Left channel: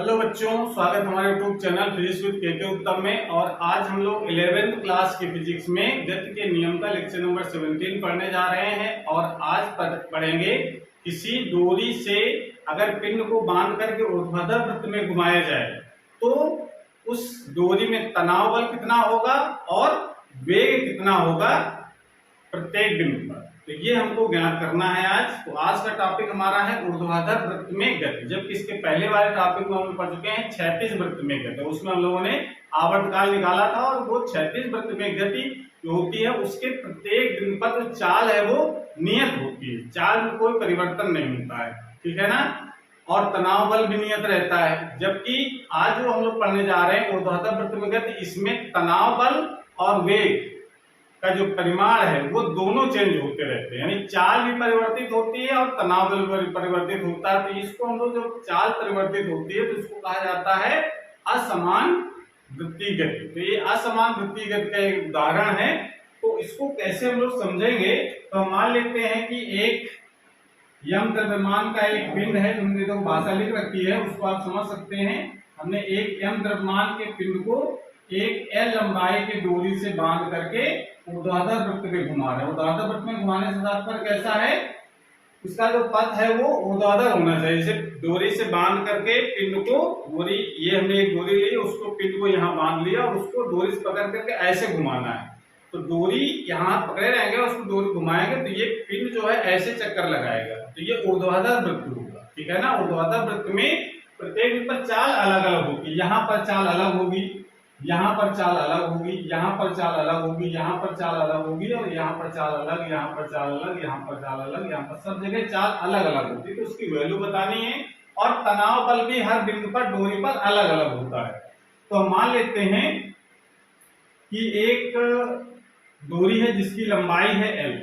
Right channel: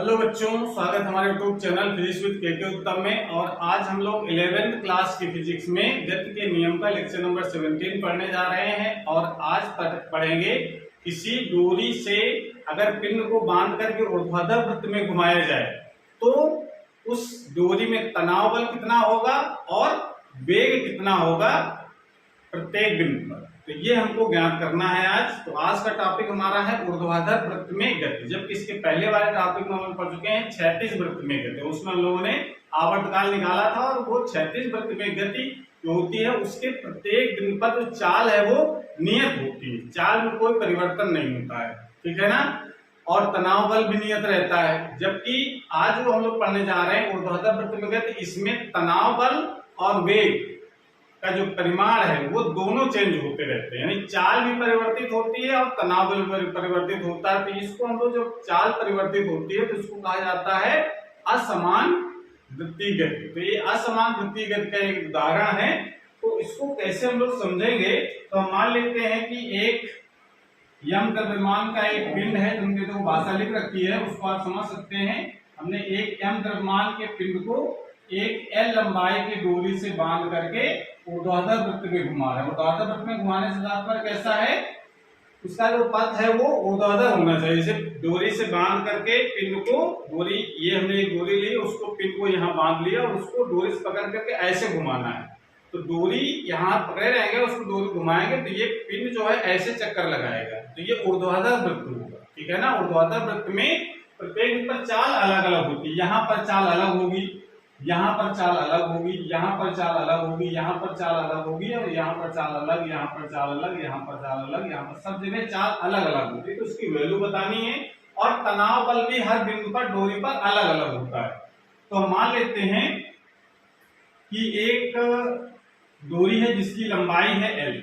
Hello बच्चों, स्वागत हमारे यूट्यूब चैनल फिजिक्स विद के उत्तम में। और आज हम लोग 11th क्लास की फिजिक्स में गति के नियम का लेक्चर नंबर 17 पढ़ने जा रहे हैं। और आज पढ़ेंगे किसी डोरी से अगर पिंड को बांध करके ऊर्ध्वाधर वृत्त में घुमाया जाए तो उस डोरी में तनाव बल कितना होगा और वेग कितना होगा प्रत्येक बिंदु पर। तो ये हमको ज्ञात करना है आज। तो आज का टॉपिक हमारा है ऊर्ध्वाधर वृत्त में गति, जबकि इसके पहले वाले टॉपिक में हम पढ़ चुके हैं क्षैतिज वृत्त में गति। उसमें हम लोगों ने आवर्तकाल निकाला था और वो क्षैतिज वृत्त में गति जो होती है उसके प्रत्येक बिंदु पर जो चाल है वो नियत होती है, चाल में कोई परिवर्तन नहीं होता है, ठीक है ना। और तनाव बल भी नियत रहता है। जबकि आज जो हम लोग पढ़ने जा रहे हैं ऊर्ध्वाधर वृत्त में गति, इसमें तनाव बल और वेग का जो परिमाण है वो दोनों चेंज होते रहते हैं, यानी चाल भी परिवर्तित होती है और तनाव बल भी परिवर्तित होता है। तो इसको हम लोग जब चाल परिवर्तित होती है तो इसको कहा जाता है असमान वृत्तीय गति। तो ये असमान वृत्तीय गति का एक उदाहरण है। तो इसको कैसे हम लोग समझेंगे, तो हम मान लेते हैं कि एक यम द्रव्यमान का एक पिंड है, हमने तो भाषा लिख रखी है, उसको आप समझ सकते हैं। हमने एक यम द्रव्यमान के पिंड को एक एल लंबाई के डोरी से बांध करके ऊर्ध्वाधर वृत्त में घुमा रहे हैं। ऊर्ध्वाधर वृत्त में घुमाने से तात्पर्य कैसा है, उसका जो पथ है वो ऊर्ध्वाधर होना चाहिए। जैसे डोरी से बांध करके पिंड को, डोरी ये हमने एक डोरी ली, उसको पिंड को यहाँ बांध लिया और उसको डोरी से पकड़ करके ऐसे घुमाना है। तो डोरी यहाँ पकड़े रहेंगे, उसको डोरी घुमाएंगे तो ये पिंड जो है ऐसे चक्कर लगाएगा, तो ये ऊर्ध्वाधर वृत्त होगा, ठीक है ना। ऊर्ध्वाधर वृत्त में प्रत्येक पर चाल अलग अलग होती है। यहाँ पर चाल अलग होगी, यहाँ पर चाल अलग होगी, यहाँ पर चाल अलग होगी, यहाँ पर चाल अलग होगी, और यहाँ पर चाल अलग, यहाँ पर चाल अलग, यहाँ पर चाल अलग, यहाँ पर सब जगह चाल अलग अलग होती है। तो उसकी वैल्यू बतानी है। और तनाव बल भी हर बिंदु पर डोरी पर अलग अलग होता है। तो हम मान लेते हैं कि एक डोरी है जिसकी लंबाई है L,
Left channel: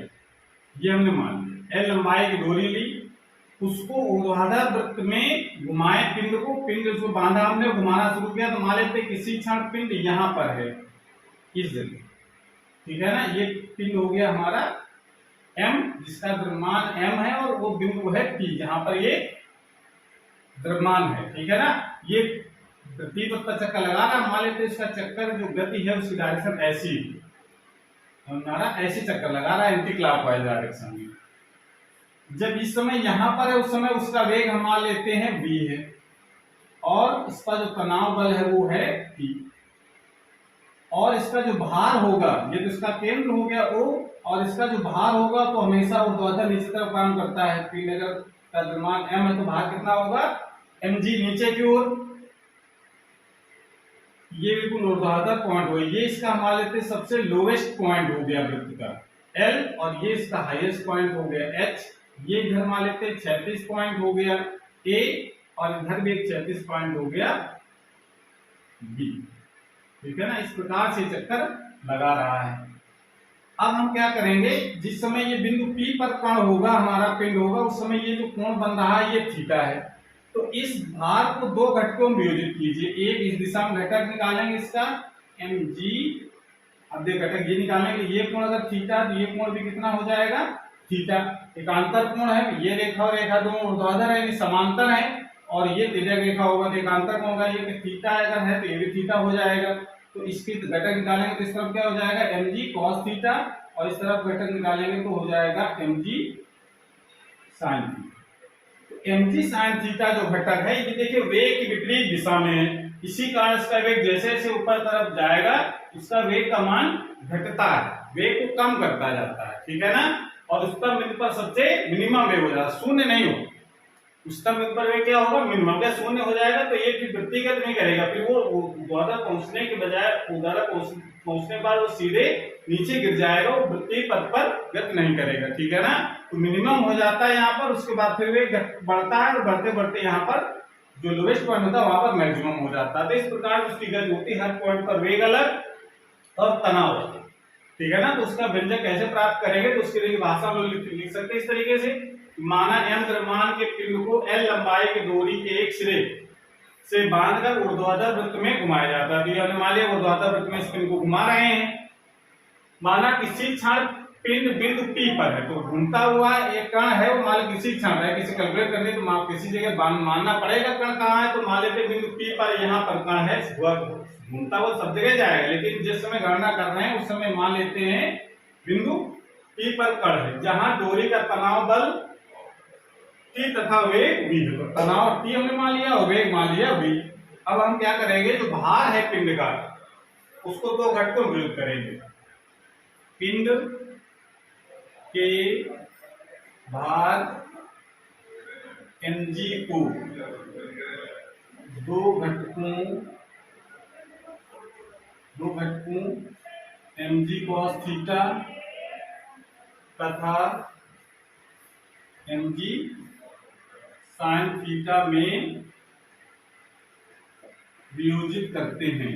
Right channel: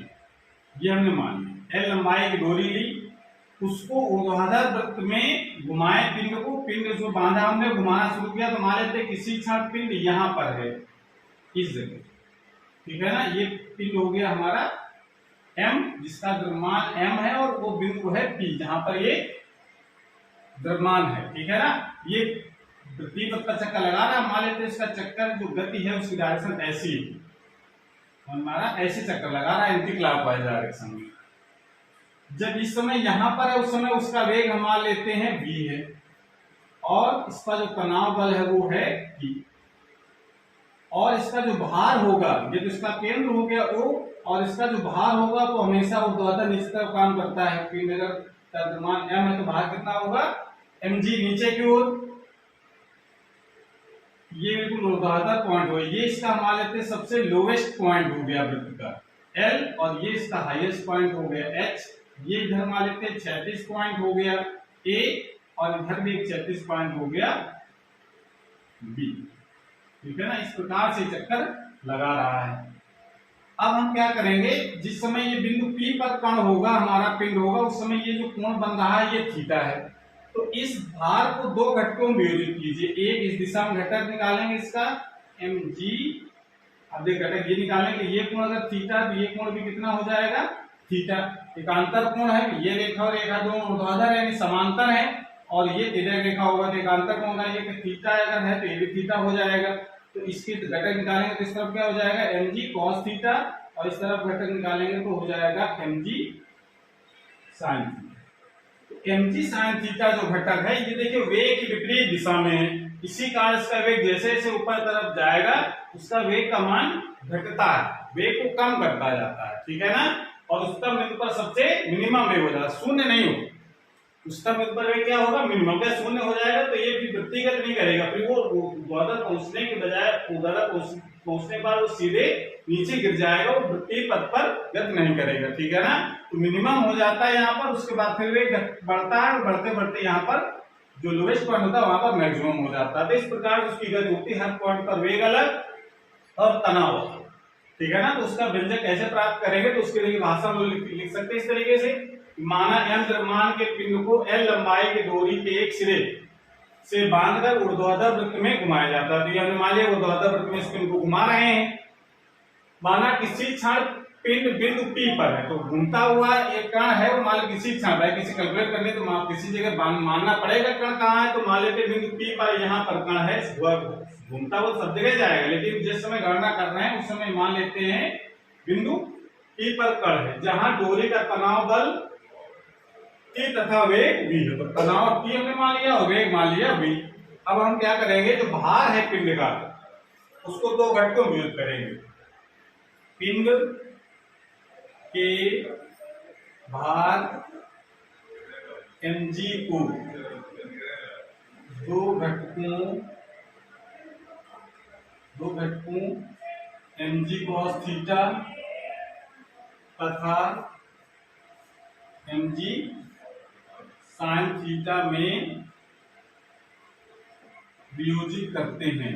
ये हमने मान लिया। L लंबाई की डोरी ली, उसको ऊर्ध्वाधर वृत्त में घुमाए पिंड को, पिंड जो बांधा हमने घुमाना शुरू किया। तो मान लेते हैं किसी क्षण पिंड यहाँ पर है, इस जगह, ठीक है ना। ये पिंड हो गया हमारा M, जिसका द्रव्यमान M है, और वो बिंदु है P जहां पर ये द्रव्यमान है, ठीक है ना। ये वृत्तीय पथ पर चक्कर लगा रहा है। मान लेते हैं इसका चक्कर जो गति है उसकी डायरेक्शन ऐसी हमारा ऐसे चक्कर लगा रहा है, एंटी क्लॉकवाइज डायरेक्शन में। जब इस समय यहां पर है उस समय उसका वेग हम मान लेते हैं v है, और इसका जो तनाव बल है वो है P, और इसका जो भार होगा, ये तो इसका केंद्र हो गया O, और इसका जो भार होगा तो हमेशा ऊर्ध्वाधर नीचे तरफ काम करता है। पिंड अगर का द्रव्यमान m है तो भार कितना होगा mg, नीचे की ओर। ये बिल्कुल ऊर्ध्वाधर पॉइंट हो, ये इसका मान लेते हैं सबसे लोवेस्ट पॉइंट हो गया वृत्त का L, और ये इसका हाईएस्ट पॉइंट हो गया H। ये इधर मान लेते हैं 36 पॉइंट हो गया A, और इधर भी एक 36 पॉइंट हो गया B, ठीक है ना। इस प्रकार से चक्कर लगा रहा है। अब हम क्या करेंगे, जिस समय ये बिंदु P पर कण होगा, हमारा पिंड होगा, उस समय ये जो कोण बन रहा है ये थीटा है। तो इस भार को दो घटकों में विभाजित कीजिए। एक इस दिशा में घटक निकालेंगे इसका mg, अब देख घटक ये निकालेंगे, ये कोण अगर थीटा तो ये कोण भी कितना हो जाएगा थीटा। एकांतर कोण है, ये रेखा और रेखा दोनों ऊर्ध्वाधर है, यानी समांतर है, और ये तिर्यक रेखा होगा तो एकांतर कोण होगा। ये थीटा अगर है तो ये भी थीटा हो जाएगा। तो इसके घटक निकालेंगे तो इस तरफ क्या हो जाएगा mg cos थीटा, और इस तरफ घटक निकालेंगे तो हो जाएगा mg sin थीटा। तो mg sin थीटा जो घटक है ये देखिए वेग की विपरीत दिशा में है, इसी कारण इसका वेग जैसे जैसे ऊपर तरफ जाएगा उसका वेग का मान घटता है, वेग को कम करता जाता है, ठीक है ना। और उच्चतम बिंदु पर सबसे मिनिमम वेग हो जाएगा, शून्य नहीं हो। उच्चतम बिंदु पर वेग क्या होगा मिनिमम, क्या शून्य हो जाएगा तो ये फिर वृत्तिगत नहीं करेगा, फिर वो ऊर्ध्वाधर पहुंचने के बजाय ऊर्ध्वाधर पहुंचने के बाद वो सीधे नीचे गिर जाएगा, वो वृत्तीय पथ पर गति नहीं करेगा, ठीक है ना। तो मिनिमम हो जाता है यहाँ पर, उसके बाद फिर वेग बढ़ता है, और बढ़ते बढ़ते यहाँ पर जो लोवेस्ट पॉइंट होता है वहां पर मैक्सिमम हो जाता है। तो इस प्रकार उसकी गति होती है, हर पॉइंट पर वेग अलग और तनाव अलग, ठीक है ना। तो उसका व्यंजक कैसे प्राप्त करेंगे, तो उसके लिए भाषा में लिख सकते हैं इस तरीके से। माना m द्रव्यमान के पिंड को L लंबाई के डोरी के एक सिरे से बांधकर ऊर्ध्वाधर वृत्त में घुमाया जाता है। तो हमने मान लिया ऊर्ध्वाधर वृत्त में इस पिंड को घुमा रहे हैं। माना किसी क्षण पिंड बिंदु P पर है, तो घूमता हुआ एक कण है, वो मान किसी क्षण है, किसी कैलकुलेट करने तो किसी जगह मानना पड़ेगा कण कहाँ है, तो मान लेते बिंदु P पर यहाँ पर कण है, घूमता हुआ सब जगह जाएगा, लेकिन जिस समय गणना कर रहे हैं उस समय मान लेते हैं बिंदु P पर कण है, जहां डोरी का तनाव बल T तथा वेग V है। तो तनाव T हमने मान लिया और वेग मान लिया V। अब हम क्या करेंगे, जो भार है पिंड का उसको दो घटकों में विभक्त करेंगे। पिंड के भार mg को दो घटकों mg cos थीटा तथा mg sin थीटा में वियोजित करते हैं।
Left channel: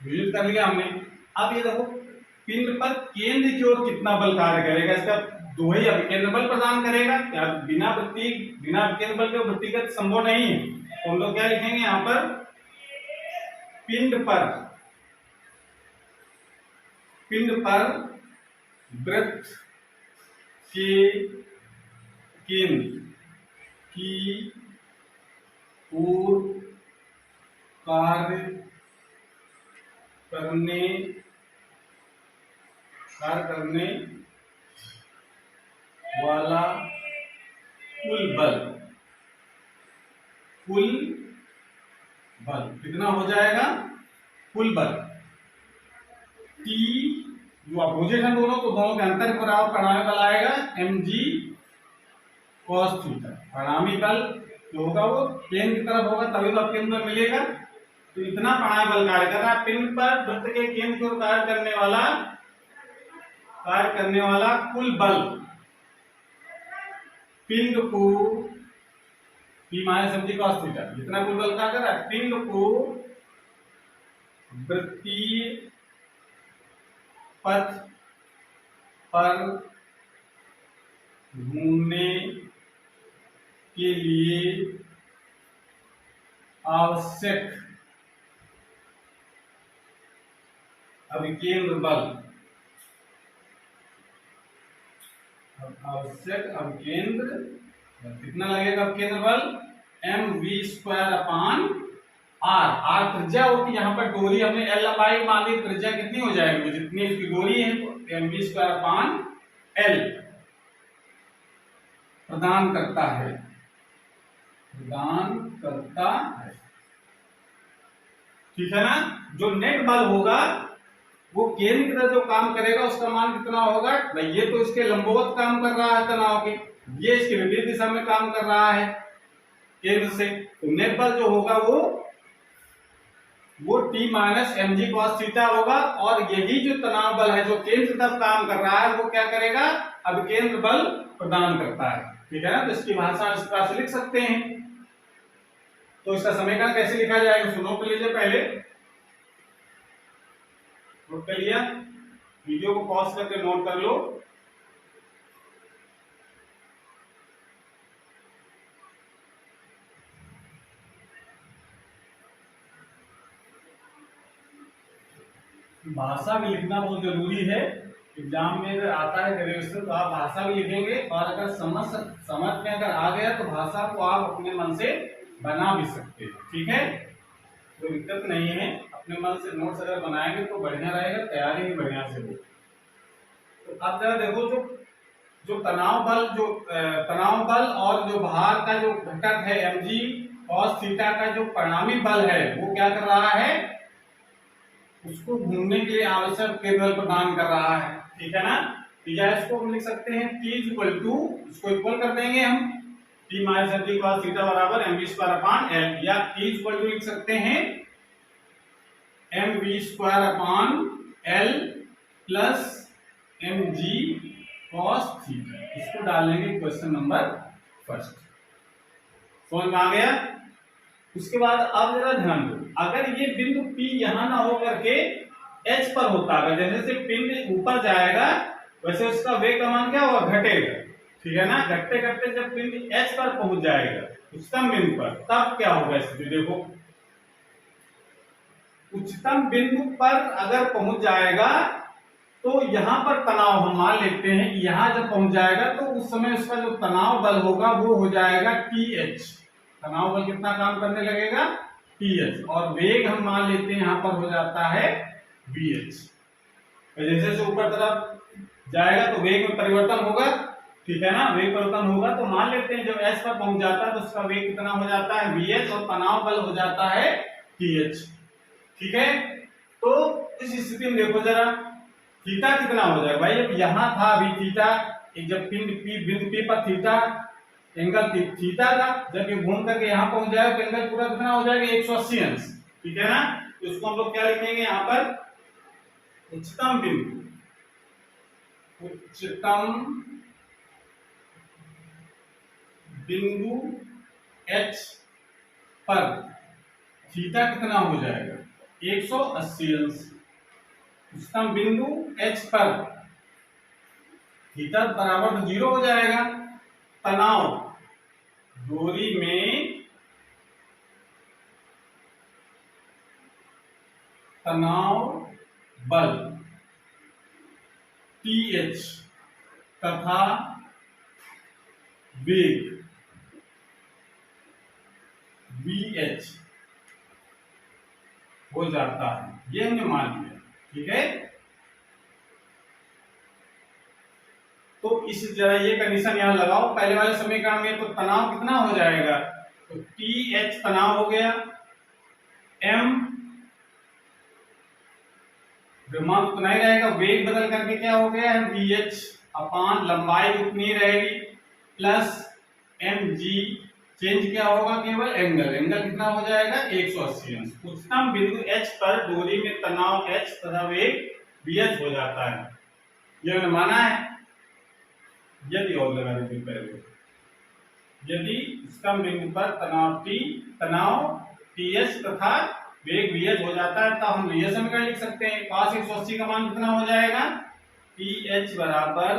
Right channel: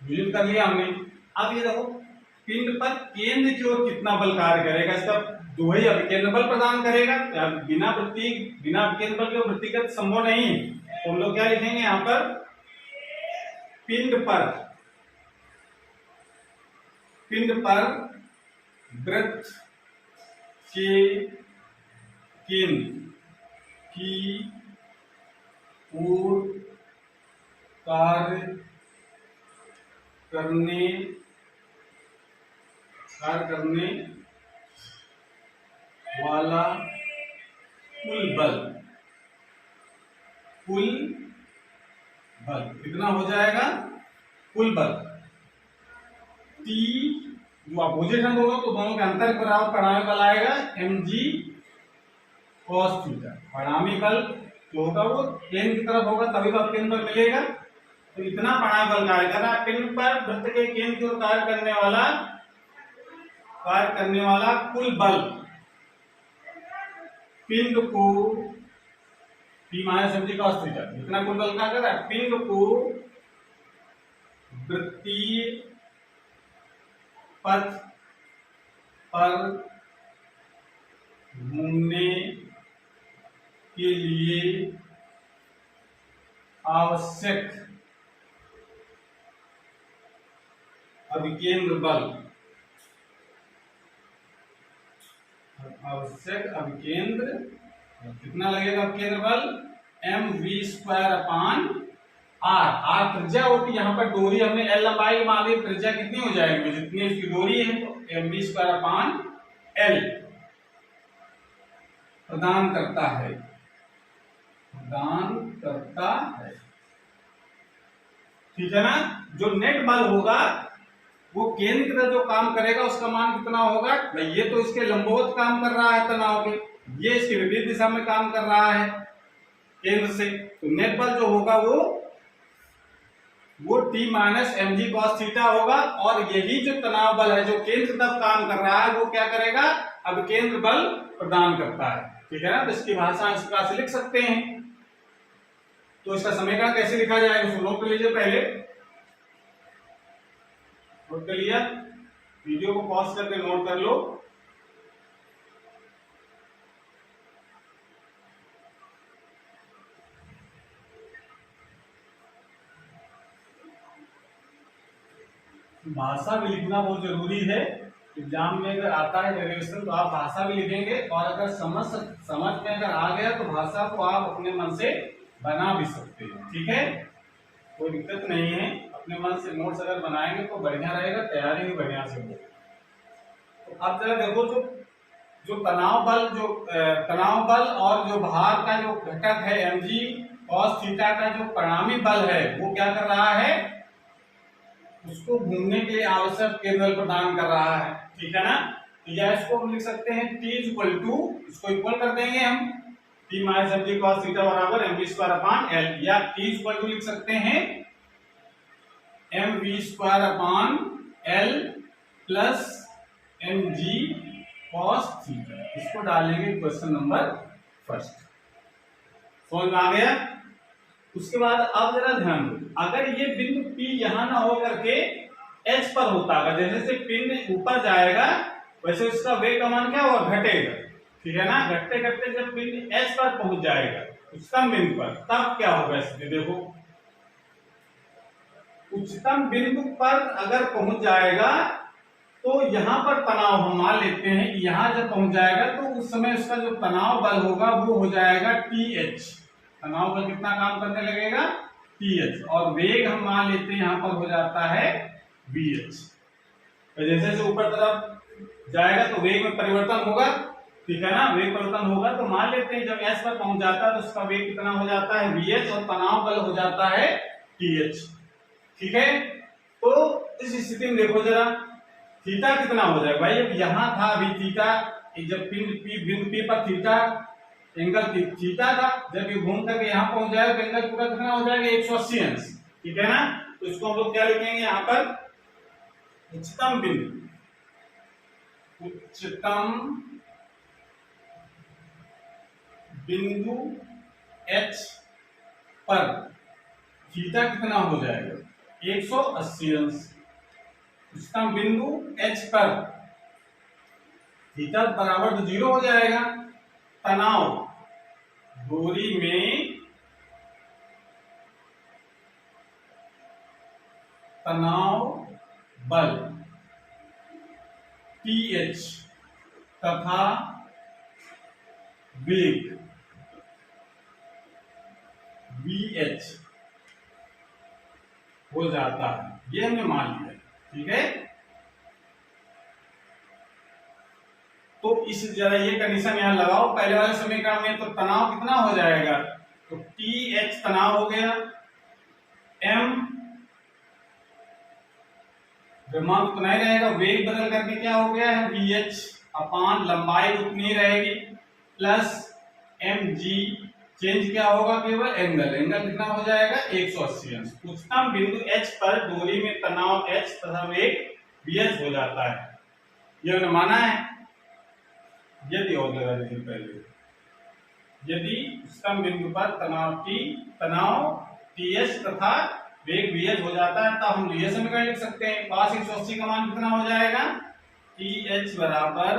वियोजित कर लिया हमने। अब ये देखो पिंड पर केंद्र की ओर कितना बल कार्य करेगा, इसका दो ही अभिकेंद्र बल प्रदान करेगा। बिना अभिकेंद्र बल के वृत्तिगत संभव नहीं है, तो हम लोग क्या लिखेंगे यहाँ पर, पिंड पर वृत्त के केंद्र की ओर कार्य करने वाला कुल बल कितना हो जाएगा, कुल बल T जो अपोजिट है दोनों, तो दोनों के अंतर के बराबर परिणामी बल आएगा mg cos थीटा। परिणामी बल जो होगा वो केंद्र की तरफ होगा, तभी तो केंद्र पर मिलेगा। तो इतना परिणामी बल कार्य कर रहा है पिंड पर वृत्त के केंद्र की ओर कार्य करने वाला कुल बल पिंड को P minus mg cos theta, जितना कुल बल कार्य कर रहा है पिंड को वृत्तीय पथ पर घूमने के लिए आवश्यक अभिकेंद्र बल कितना लगेगा, अभिकेंद्र बल mv² r त्रिज्या होती है, यहाँ पर डोरी हमने l लंबाई मान ली, त्रिज्या कितनी हो जाएगी, जितनी उसकी डोरी है, तो mv² l प्रदान करता है। ठीक है ना। जो नेट बल होगा वो केंद्र की तरफ जो काम करेगा उसका मान कितना होगा भाई, ये तो इसके लंबवत काम कर रहा है तनाव के, ये इसके विपरीत दिशा में काम कर रहा है केंद्र से, तो नेट बल जो होगा वो T minus mg cos theta होगा। और यही जो तनाव बल है जो केंद्र की तरफ काम कर रहा है वो क्या करेगा, अभिकेंद्र बल प्रदान करता है। ठीक है ना। तो इसकी भाषा इस प्रकार से लिख सकते हैं। तो इसका समीकरण कैसे लिखा जाएगा, उसको नोट कर लीजिए, पहले नोट कर लिया, वीडियो को पॉज करके नोट कर लो। भाषा भी लिखना बहुत जरूरी है। एग्जाम में अगर आता है डेरिवेशन तो आप भाषा भी लिखेंगे, और अगर समझ में अगर आ गया तो भाषा को आप अपने मन से बना भी सकते हैं। ठीक है, कोई दिक्कत नहीं है, अपने मन से नोट्स अगर बनाएंगे तो बढ़िया रहेगा, तैयारी भी बढ़िया से हो। तो अब जरा देखो, जो तनाव बल और जो भार का जो घटक है mg cos थीटा का जो परिणामी बल है वो क्या कर रहा है, उसको घूमने के लिए आवश्यक केंद्र प्रदान कर रहा है। ठीक है ना। तो या इसको हम लिख सकते हैं T इक्वल टू, इसको इक्वल कर देंगे हम, T minus mg cos theta बराबर mv²/l, या T इक्वल टू लिख सकते हैं mv²/l plus mg cos theta. इसको डालेंगे क्वेश्चन नंबर फर्स्ट। समझ में आ गया। उसके बाद अब जरा ध्यान दो, अगर ये बिंदु P यहां ना हो करके H पर होता है, जैसे जैसे पिंड ऊपर जाएगा वैसे उसका वेग का मान क्या होगा, घटेगा। ठीक है ना। घटते घटते जब पिंड H पर पहुंच जाएगा उच्चतम बिंदु पर, तब क्या होगा स्थिति देखो, उच्चतम बिंदु पर अगर पहुंच जाएगा तो यहां पर तनाव हम मान लेते हैं कि यहां जब पहुंच जाएगा तो उस समय उसका जो तनाव बल होगा वो हो जाएगा TH। तनाव बल कितना काम करने लगेगा? TH। और वेग हम मान लेते हैं यहां पर हो जाता है VH। तो जैसे जैसे ऊपर तरफ जाएगा तो वेग में परिवर्तन होगा, ठीक है ना, वेग परिवर्तन होगा। तो मान लेते हैं जब S पर पहुंच जाता है तो उसका वेग कितना हो जाता है? VH। और तनाव बल हो जाता है TH, ठीक है। तो इस स्थिति में देखो जरा थीटा कितना हो जाएगा भाई। अब यहां था अभी थीटा, जब बिंदु P पर थीटा एंगल थीटा था, जब ये घूम करके यहां पहुंच जाएगा तो एंगल पूरा कितना हो जाएगा? 180 अंश, ठीक है ना। तो इसको हम लोग क्या लिखेंगे यहां पर? उच्चतम बिंदु, उच्चतम बिंदु H पर थीटा कितना हो जाएगा? 180 अंश। उच्चतम बिंदु H पर थीटा बराबर तो 0 हो जाएगा। तनाव दूरी में तनाव बल TH तथा वेग VH हो जाता है, ये हमने मान लिया, ठीक है। तो इस जरा ये कंडीशन यहां लगाओ पहले वाले समीकरण में। तो तनाव कितना हो जाएगा? तो TH तनाव हो गया, M द्रव्यमान उतना ही रहेगा, वेग बदल करके क्या हो गया है? VH अपान लंबाई उतनी रहेगी प्लस mg, चेंज क्या होगा? केवल एंगल। एंगल कितना हो जाएगा? 180 अंश। उच्चतम बिंदु H पर दूरी में तनाव H तथा वेग VH हो जाता है, ये हमने माना है। यदि और लगा दीजिए पहले, यदि उच्चतम बिंदु पर तनाव TH तथा वेग VH हो जाता है तब हम ये समीकरण लिख सकते हैं। cos 180 का मान कितना हो जाएगा? TH बराबर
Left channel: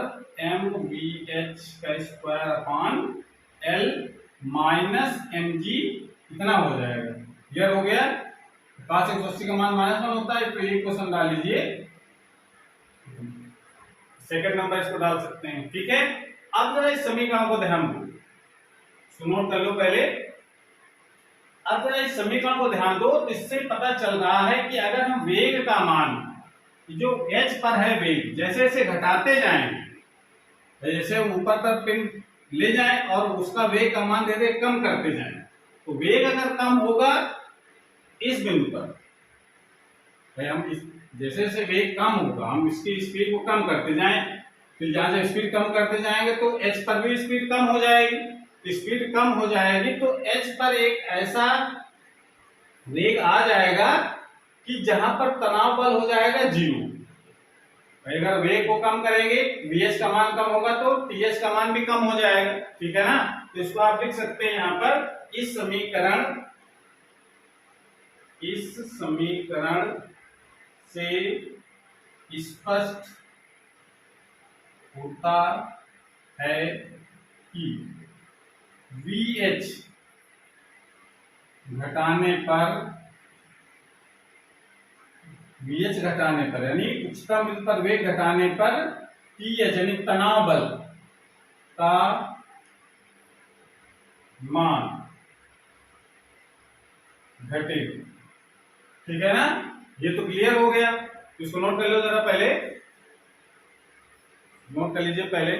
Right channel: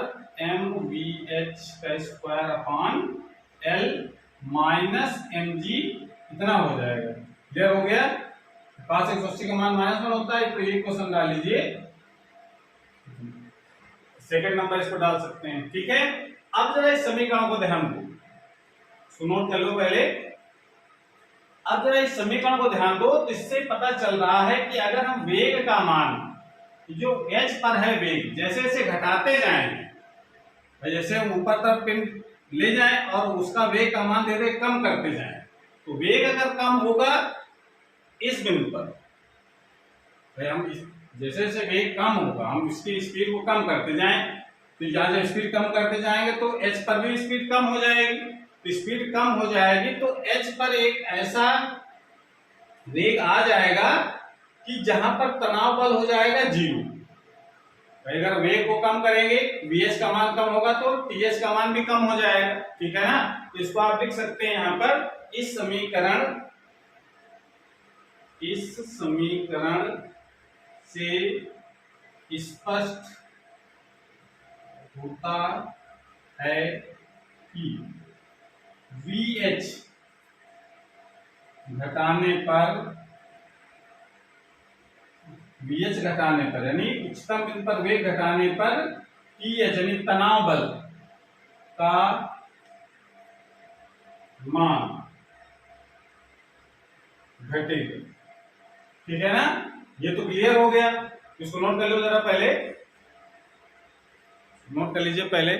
mVH का square upon L minus mg कितना हो जाएगा? क्लियर हो गया? cos 180 का मान -1 होता है, तो ये क्वेश्चन डाल लीजिए, सेकंड नंबर इसको डाल सकते हैं, ठीक है। अब जरा इस समीकरण को ध्यान दो, सुनो कर लो पहले। अब जरा इस समीकरण को ध्यान दो तो इससे पता चल रहा है कि अगर हम वेग का मान जो H पर है वेग जैसे जैसे घटाते जाएंगे, जैसे हम ऊपर तक पिन ले जाएं और उसका वेग का मान दे दे कम करते जाएं, तो वेग अगर कम होगा इस बिंदु पर, हम जैसे जैसे वेग कम होगा हम इसकी स्पीड को कम करते जाएं, तो यहां से स्पीड कम करते जाएंगे तो H पर भी स्पीड कम हो जाएगी। तो स्पीड कम हो जाएगी तो H पर एक ऐसा वेग आ जाएगा कि जहां पर तनाव बल हो जाएगा 0। अगर वेग को कम करेंगे VH का मान कम होगा तो TH का मान भी कम हो जाएगा, ठीक है ना। तो इसको आप लिख सकते हैं यहां पर इस समीकरण से स्पष्ट होता है कि VH घटाने पर यानी उच्चतम बिंदु पर वेग घटाने पर TH यानी तनाव बल का मान घटेगा, ठीक है ना। ये तो क्लियर हो गया, इसको नोट कर लो जरा, पहले नोट कर लीजिए पहले।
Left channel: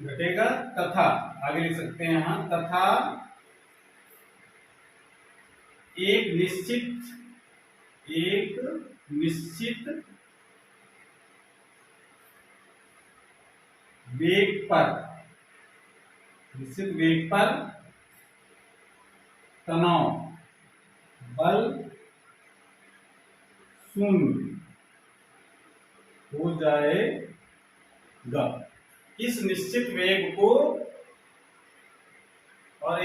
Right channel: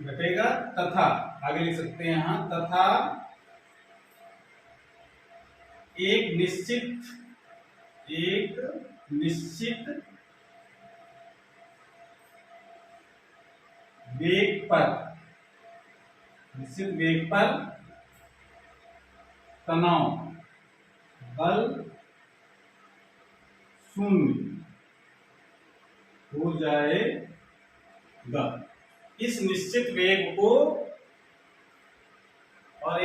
घटेगा तथा आगे लिख सकते हैं यहां, तथा एक निश्चित वेग पर तनाव बल 0 हो जाएगा। इस निश्चित वेग को और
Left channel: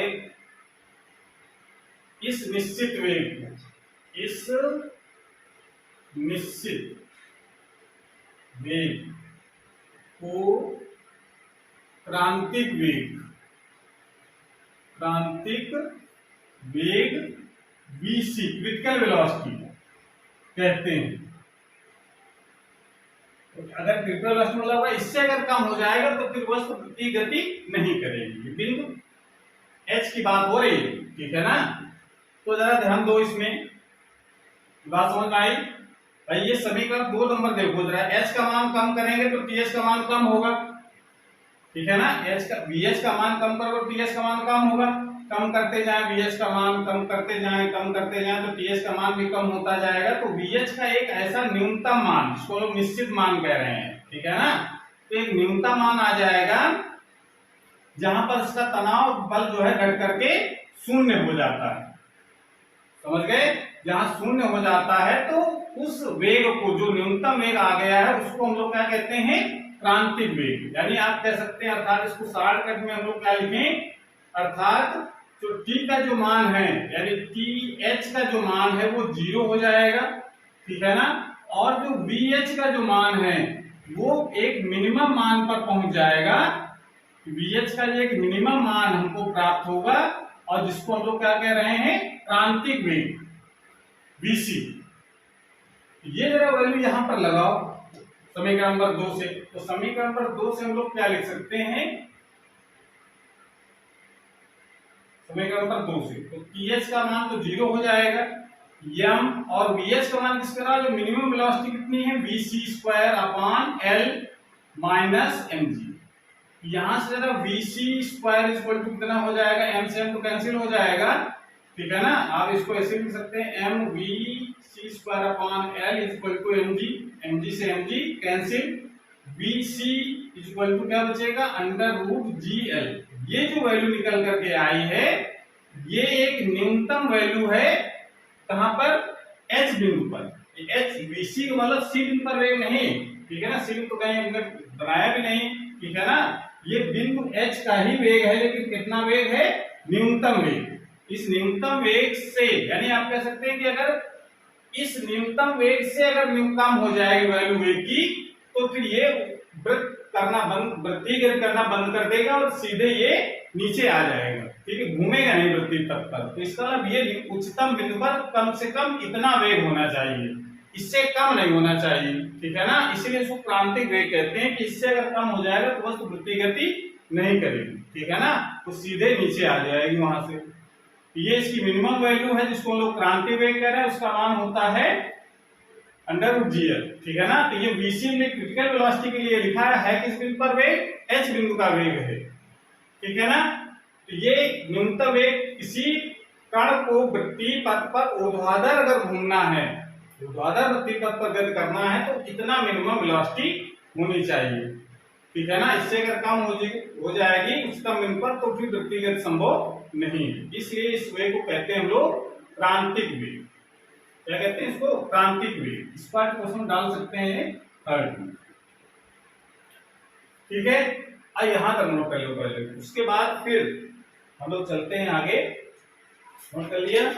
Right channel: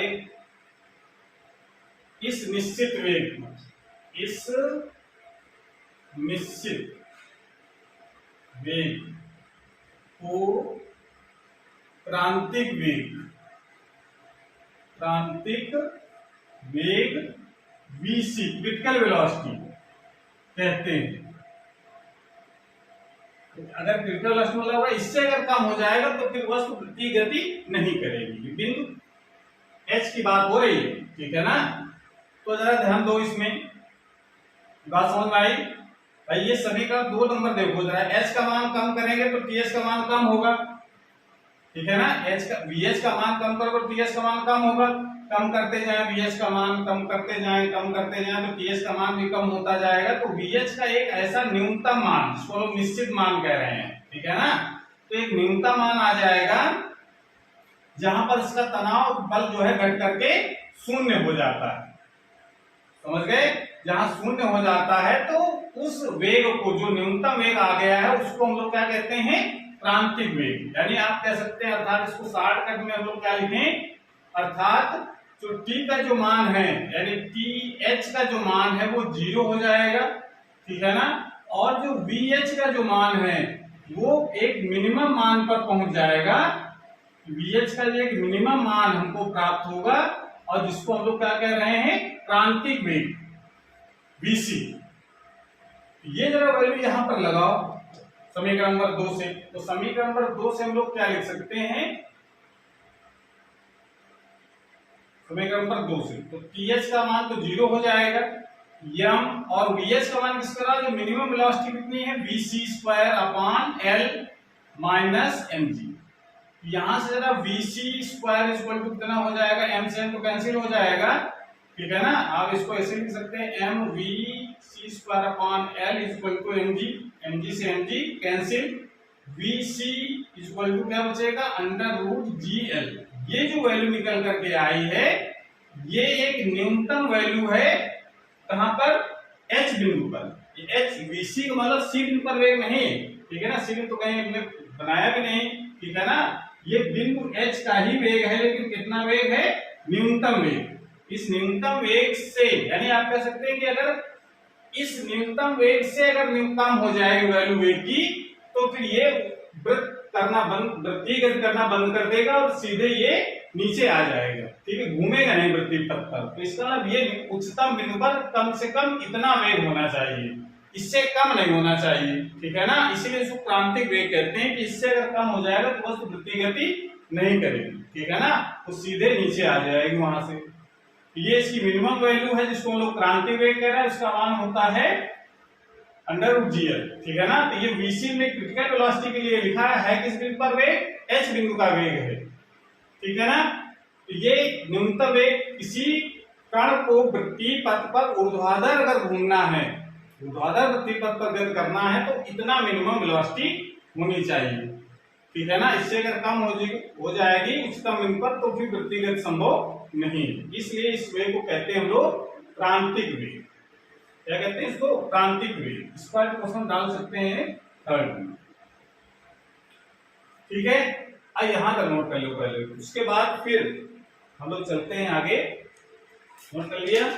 इस निश्चित वेग को क्रांतिक वेग VC क्रिटिकल वेलोसिटी कहते हैं। अगर क्रिटिकल वेलोसिटी मतलब होगा इससे अगर कम हो जाएगा तो फिर वस्तु वृत्तीय गति नहीं करेगी। बिंदु H की बात हो रही है, ठीक है ना। तो जरा ध्यान दो, इसमें बात समझ में आई भाई। ये समीकरण 2 नंबर देखो जरा, H का मान कम करेंगे तो TH का मान कम होगा, ठीक है ना। VH का मान कम करोगे तो TH का मान कम होगा। कम करते जाएं VH का मान, कम करते जाएं तो TH का मान भी कम होता जाएगा। तो VH का एक ऐसा न्यूनतम मान, जिसको लोग निश्चित मान कह रहे हैं, ठीक है ना। तो एक न्यूनतम मान आ जाएगा जहां पर इसका तनाव बल जो है घट करके शून्य हो जाता है, समझ गए। जहां शून्य हो जाता है तो उस वेग को, जो न्यूनतम वेग आ गया है, उसको हम लोग क्या कहते हैं, क्रांतिक वेग। यानी आप कह सकते हैं, अर्थात इसको शॉर्टकट में हम लोग क्या लिखें, अर्थात जो T का जो मान है, यानी TH का जो मान है वो 0 हो जाएगा, ठीक है ना। और जो VH का जो मान है वो एक मिनिमम मान पर पहुंच जाएगा। VH का एक मिनिमम मान हमको प्राप्त होगा और जिसको हम लोग क्या कह रहे हैं, क्रांतिक वेग VC। ये जरा वैल्यू यहां पर लगाओ समीकरण नंबर 2 से। तो समीकरण नंबर 2 से हम लोग क्या लिख सकते हैं, समीकरण नंबर 2 से तो TH का मान तो 0 हो जाएगा, m और VH का मान किस तरह, जो मिनिमम वेलोसिटी कितनी है, VC² L - mg। यहां से जरा VC² कितना हो जाएगा, m से m तो कैंसिल हो जाएगा, ठीक है ना। आप इसको ऐसे लिख सकते हैं, mVC² L mg, mg से mg कैंसिल, VC क्या बचेगा, √GL। ये जो वैल्यू निकल करके आई है, ये एक न्यूनतम वैल्यू है कहां पर, H बिंदु पर। H VC मतलब C बिंदु पर वेग नहीं, ठीक है ना। C बिंदु तो कहीं हमने बनाया भी नहीं, ठीक है ना। ये बिंदु H का ही वेग है, लेकिन कितना वेग है, न्यूनतम वेग। इस न्यूनतम वेग से, यानी आप कह सकते हैं कि अगर इस न्यूनतम वेग से अगर कम हो जाएगी वैल्यू वेग की, तो फिर ये वृत्तीय गति करना बंद कर देगा और सीधे ये नीचे आ जाएगा, ठीक है, घूमेगा नहीं वृत्तीय पथ पर। तो इसका मतलब ये उच्चतम बिंदु पर कम से कम इतना वेग होना चाहिए, इससे कम नहीं होना चाहिए, ठीक है ना। इसीलिए इसको क्रांतिक वेग कहते हैं कि इससे अगर कम हो जाएगा तो वस्तु वृत्तीय गति नहीं करेगी, ठीक है ना, वो सीधे नीचे आ जाएगी वहां से। ये इसकी मिनिमम वैल्यू है, जिसको हम लोग क्रांतिक वेग कह रहे हैं। उसका मान होता है √GL, ठीक है ना। तो ये VC में क्रिटिकल वेलोसिटी के लिए लिखा है किस बिंदु पर वेग, H बिंदु का वेग है, ठीक है ना। तो ये न्यूनतम वेग, किसी कण को वृत्तीय पथ पर ऊर्ध्वाधर अगर घूमना है, ऊर्ध्वाधर वृत्तीय पथ पर गति करना है, तो इतना मिनिमम वेलोसिटी होनी चाहिए, ठीक है ना। इससे अगर कम हो जाएगी उच्चतम बिंदु पर, तो फिर वृत्तीय गति संभव नहीं है। इसलिए इस वेग को कहते हैं हम लोग क्रांतिक वेग। क्या कहते हैं इसको, क्रांतिक वेग। इस पर क्वेश्चन डाल सकते हैं थर्ड में, ठीक है। अब यहां तक नोट कर लो पहले, उसके बाद फिर हम लोग चलते हैं आगे। नोट कर लिया,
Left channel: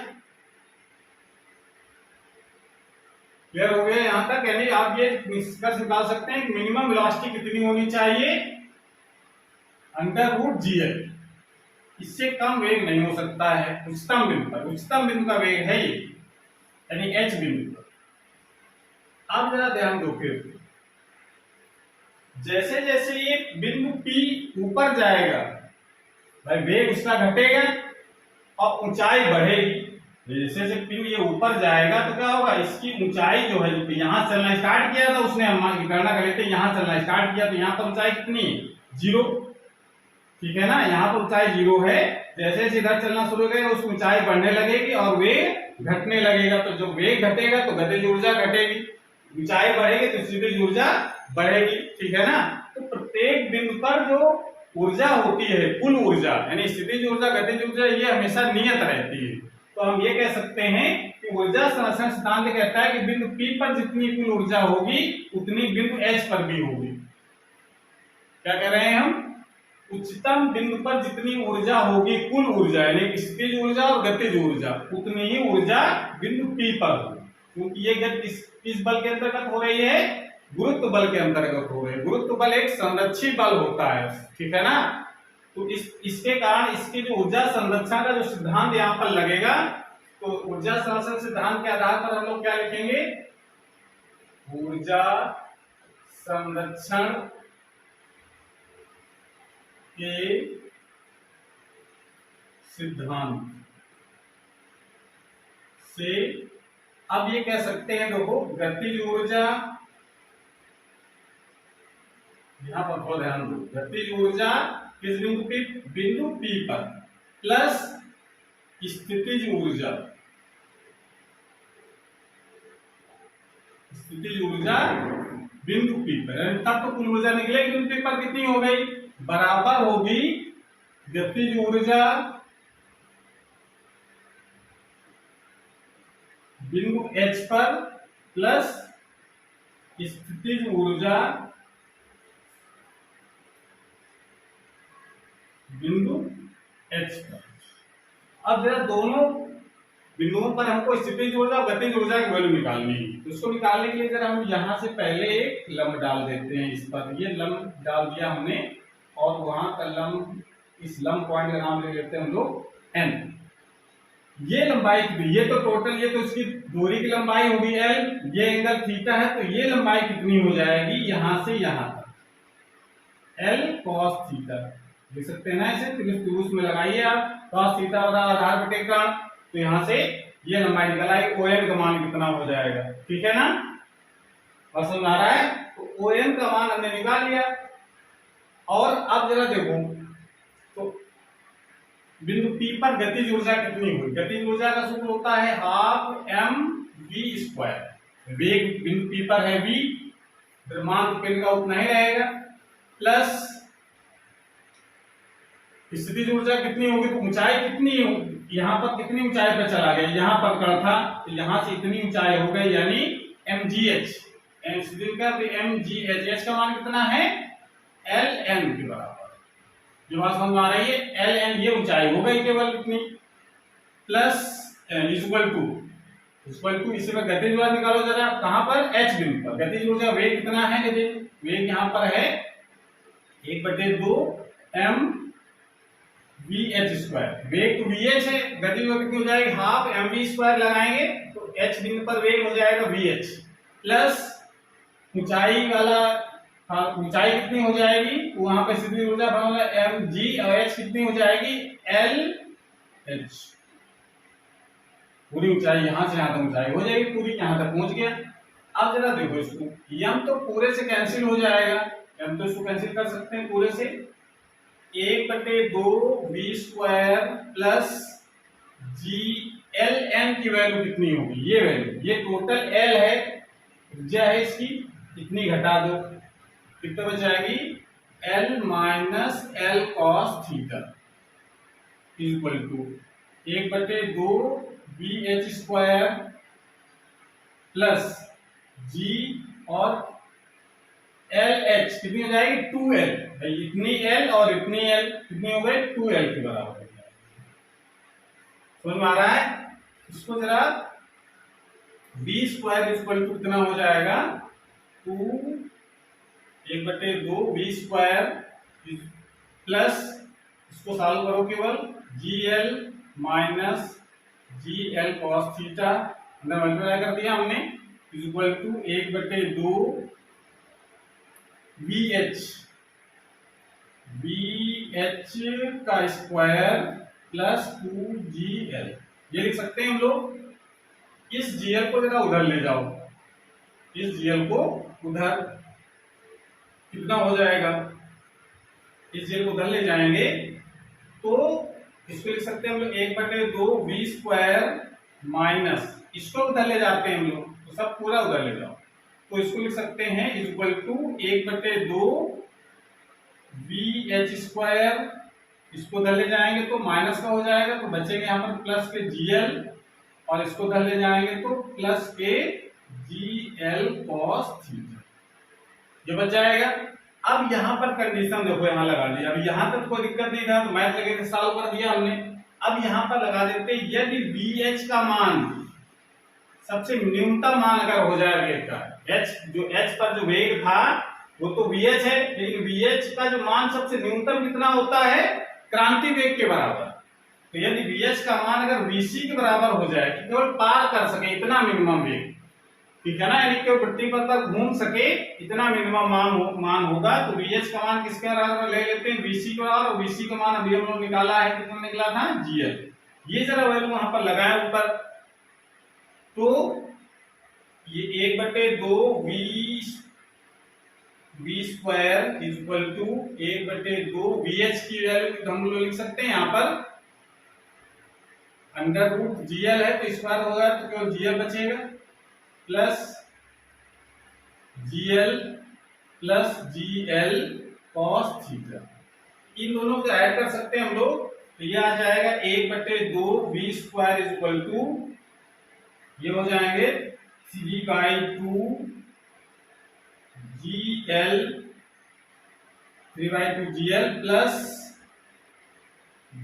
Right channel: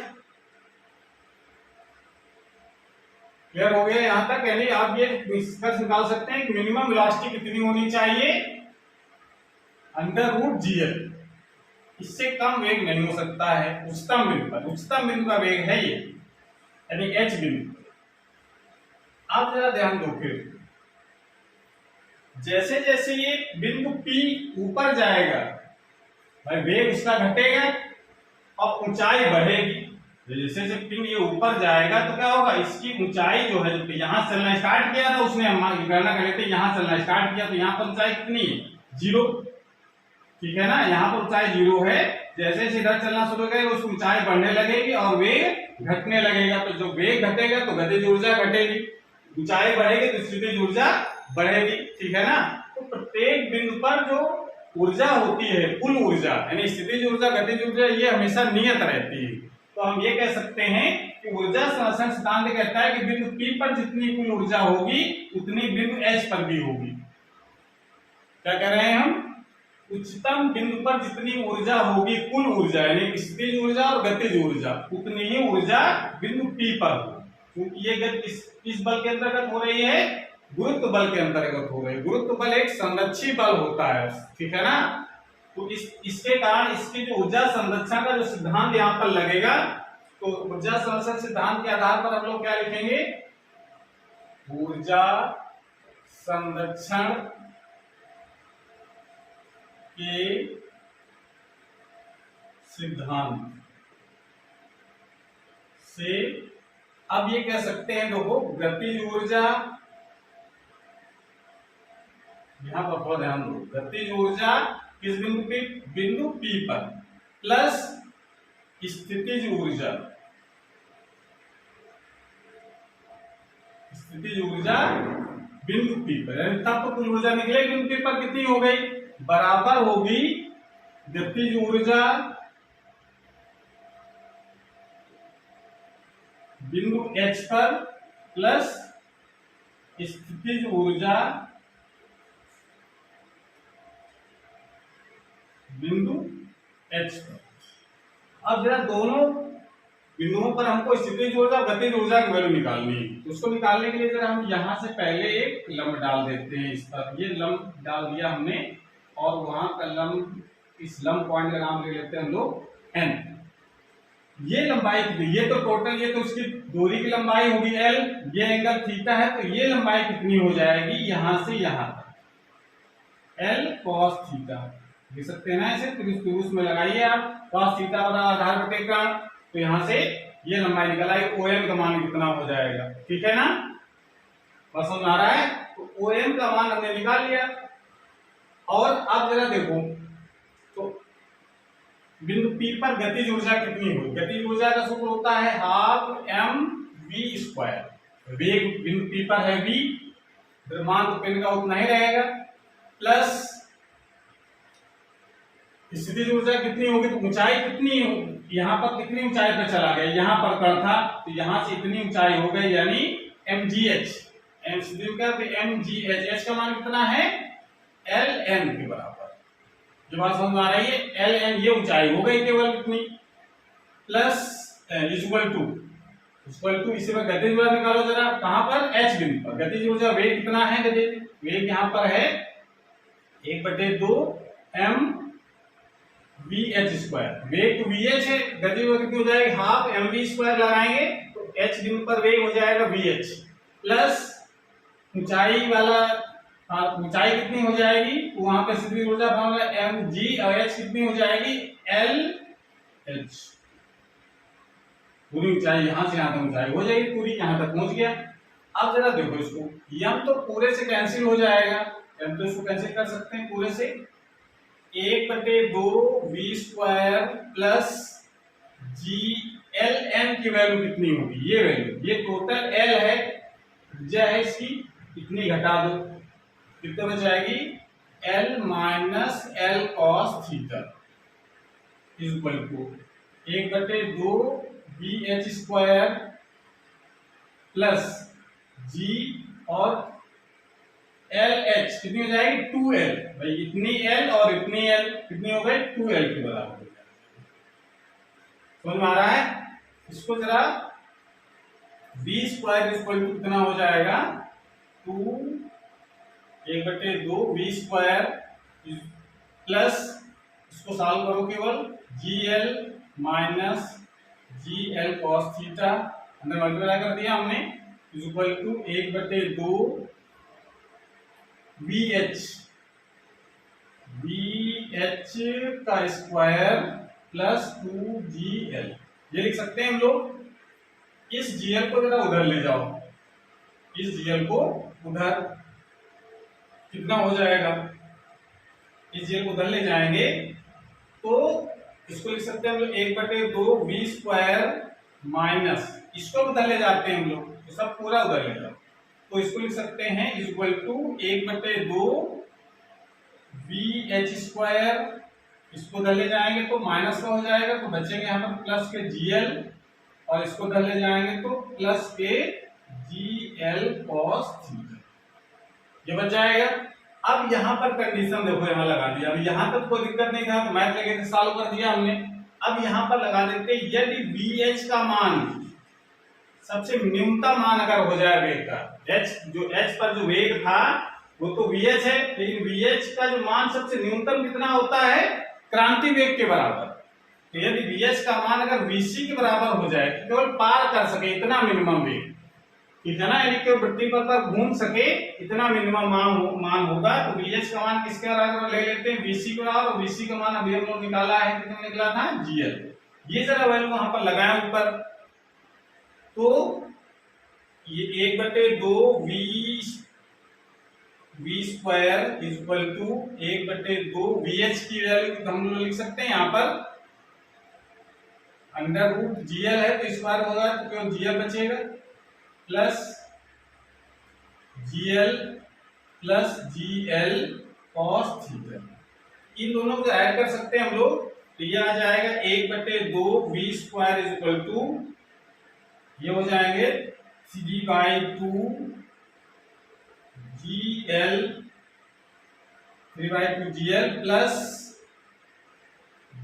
क्लियर हो गया यहां तक। यानी आप ये निष्कर्ष निकाल सकते हैं कि मिनिमम वेलोसिटी कितनी होनी चाहिए, √GL। इससे कम वेग नहीं हो सकता है उच्चतम बिंदु पर। उच्चतम बिंदु का वेग है ये, यानी H बिंदु पर। आप जरा ध्यान दो, फिर जैसे जैसे ये बिंदु P ऊपर जाएगा, भाई वेग उसका घटेगा और ऊंचाई बढ़ेगी। जैसे जैसे पिंड ये ऊपर जाएगा तो क्या होगा, इसकी ऊंचाई जो है, यहां चलना स्टार्ट किया था उसने, हम गणना कर लेते हैं, यहां चलना स्टार्ट किया तो यहां पर ऊंचाई कितनी है, 0, ठीक है ना। यहाँ पर ऊंचाई 0 है। जैसे जैसे इधर चलना शुरू करेगा उसकी ऊंचाई बढ़ने लगेगी और वेग घटने लगेगा। तो जब वेग घटेगा तो गतिज ऊर्जा घटेगी, ऊंचाई बढ़ेगी तो स्थितिज ऊर्जा बढ़ेगी, ठीक है ना। तो प्रत्येक बिंदु पर जो ऊर्जा होती है, कुल ऊर्जा, यानी स्थितिज ऊर्जा, गतिज ऊर्जा, ये हमेशा नियत रहती है, तो हम ये कह सकते हैं कि ऊर्जा संरक्षण सिद्धांत कहता है कि बिंदु P पर जितनी कुल ऊर्जा होगी उतनी बिंदु H पर भी होगी। क्या कह रहे हैं हम? उच्चतम बिंदु पर जितनी ऊर्जा होगी, कुल ऊर्जा यानी स्थितिज ऊर्जा और गतिज ऊर्जा, उतनी ही ऊर्जा बिंदु P पर हो, क्योंकि ये गति किस बल के अंतर्गत हो रही है? गुरुत्व बल के अंतर्गत हो रही है। गुरुत्व बल एक संरक्षी बल होता है, ठीक है ना। तो इसके कारण इसकी जो ऊर्जा संरक्षण का जो सिद्धांत यहाँ पर लगेगा, तो ऊर्जा संरक्षण सिद्धांत के आधार पर हम लोग क्या लिखेंगे? ऊर्जा संरक्षण के सिद्धांत से अब ये कह सकते हैं, देखो गतिज ऊर्जा, यहां पर बहुत ध्यान दो, गतिज ऊर्जा किस बिंदु पे? बिंदु P पर, प्लस स्थितिज ऊर्जा, स्थितिज ऊर्जा बिंदु P पर, तब तो कुल ऊर्जा निकलेगी बिंदु P पर कितनी हो गई? बराबर होगी गतिज ऊर्जा बिंदु H पर प्लस स्थितिज ऊर्जा बिंदु H पर। अब जरा दोनों बिंदुओं पर हमको स्थितिज ऊर्जा और गतिज ऊर्जा की वैल्यू निकालनी है, तो उसको निकालने के लिए जरा हम यहां से पहले एक लंब डाल देते हैं इस पर। ये लंब डाल दिया हमने, और वहां का लंब, इस लंब पॉइंट का नाम ले लेते हैं हम लोग n। ये लंबाई कितनी? ये तो टोटल, ये तो इसकी दूरी की लंबाई होगी l, ये एंगल थीटा है, तो ये लंबाई कितनी हो जाएगी? यहां से यहां तक l cos थीटा लिख सकते हैं ना इसे। त्रिभुज में लगाइए आप, cos थीटा और आधार बटे कोण, तो यहां से ये लंबाई निकल आएगी। OM का मान कितना हो जाएगा? ठीक है ना, बस समझ आ रहा है? तो OM का मान हमने निकाल लिया। और अब जरा देखो, तो बिंदु P पर गतिज ऊर्जा कितनी हुई? गतिज ऊर्जा का सूत्र होता है हाफ mv²। वेग बिंदु P पर है v, द्रव्यमान तो पिंड का उतना ही रहेगा, प्लस स्थितिज ऊर्जा कितनी होगी? तो ऊंचाई कितनी होगी? यहाँ पर कितनी ऊंचाई पर चला गया? यहाँ पर कण था, तो यहाँ से इतनी ऊंचाई हो गई, यानी mgh। mgh, h का मान कितना है? ln के बराबर। जो बात समझ आ रही है? ln, ये ऊंचाई हो गई केवल इतनी, प्लस इक्वल टू इसी पर गतिज ऊर्जा निकालो जरा। कहां पर? h बिंदु पर। गतिज ऊर्जा वेग कितना है? गतिज वेग यहाँ पर है 1/2 mvh²। वेग तो vh है, गतिज ऊर्जा कितनी हो जाएगी? हाफ mv² लगाएंगे तो h बिंदु पर वेग हो जाएगा vh, प्लस ऊंचाई वाला, ऊंचाई कितनी हो जाएगी? वहां पर स्थितिज ऊर्जा mg, और h कितनी हो जाएगी? lh। पूरी ऊंचाई यहां से यहां तक ऊंचाई हो जाएगी, पूरी यहां तक पहुंच गया। अब जरा देखो इसको, m तो पूरे से कैंसिल हो जाएगा, m तो इसको कैंसिल कर सकते हैं पूरे से। 1/2 v² प्लस g, ln की वैल्यू कितनी होगी? ये वैल्यू, ये टोटल l है, त्रिज्या है इसकी, इतनी घटा दो, कितना बच जाएगी? l minus l cos theta equal to 1/2 vh² plus g और lh कितनी हो जाएगी? 2l। भाई इतनी l और इतनी l कितनी हो गई? 2l के बराबर हो जाएगी। समझ में आ रहा है? इसको जरा v² इक्वल टू कितना हो जाएगा? 1/2 v² प्लस, इसको सॉल्व करो केवल, gl minus gl cos theta, अंदर मल्टीप्लाई कर दिया हमने, इक्वल टू 1/2 vh का स्क्वायर प्लस 2gl। ये लिख सकते हैं हम लोग। इस gl को जरा उधर ले जाओ, इस gl को उधर, कितना हो जाएगा? इस gl को उधर ले जाएंगे तो इसको लिख सकते हैं हम लोग 1/2 v² माइनस, इसको उधर ले जाते हैं हम लोग, तो सब पूरा उधर ले जाओ, तो इसको लिख सकते हैं इक्वल टू 1/2 vh² इसको धर ले जाएंगे तो माइनस का हो जाएगा, तो बचेंगे यहाँ पर प्लस के GL, और इसको धर ले जाएंगे तो प्लस के GL cos थीटा, ये बच जाएगा। अब यहाँ पर कंडीशन देखो यहाँ लगा दी, अब यहाँ तक कोई दिक्कत नहीं था तो मैथ लगे थे सॉल्व कर दिया हमने। अब यहाँ पर लगा देते यदि VH का मान सबसे न्यूनतम मान अगर हो जाए वेग का, H पर जो वेग था वो तो VH है, लेकिन VH का जो मान सबसे न्यूनतम कितना होता है, क्रांति वेग के बराबर। तो यदि VH का मान अगर VC के बराबर हो जाए कि केवल पार कर सके इतना मिनिमम वेग, ठीक है ना, यानी कि पृथ्वी पर तक घूम सके इतना मिनिमम मान होगा, तो VH का मान किसके बराबर ले लेते हैं, VC के बराबर। और VC का मान अभी हम लोग निकाला है, कितना निकला था, GL। ये जरा वैल्यू वहां पर लगाए ऊपर, तो ये 1/2 V square equal to 1/2 VH की वैल्यू हम लोग लिख सकते हैं यहाँ पर अंडर रूट GL है तो स्क्वायर होगा तो केवल GL बचेगा, plus GL plus GL cos theta. इन दोनों को ऐड कर सकते हैं हम लोग, तो ये आ जाएगा 1/2 V स्क्वायर इक्वल टू, ये हो जाएंगे 3/2 GL 3/2 GL plus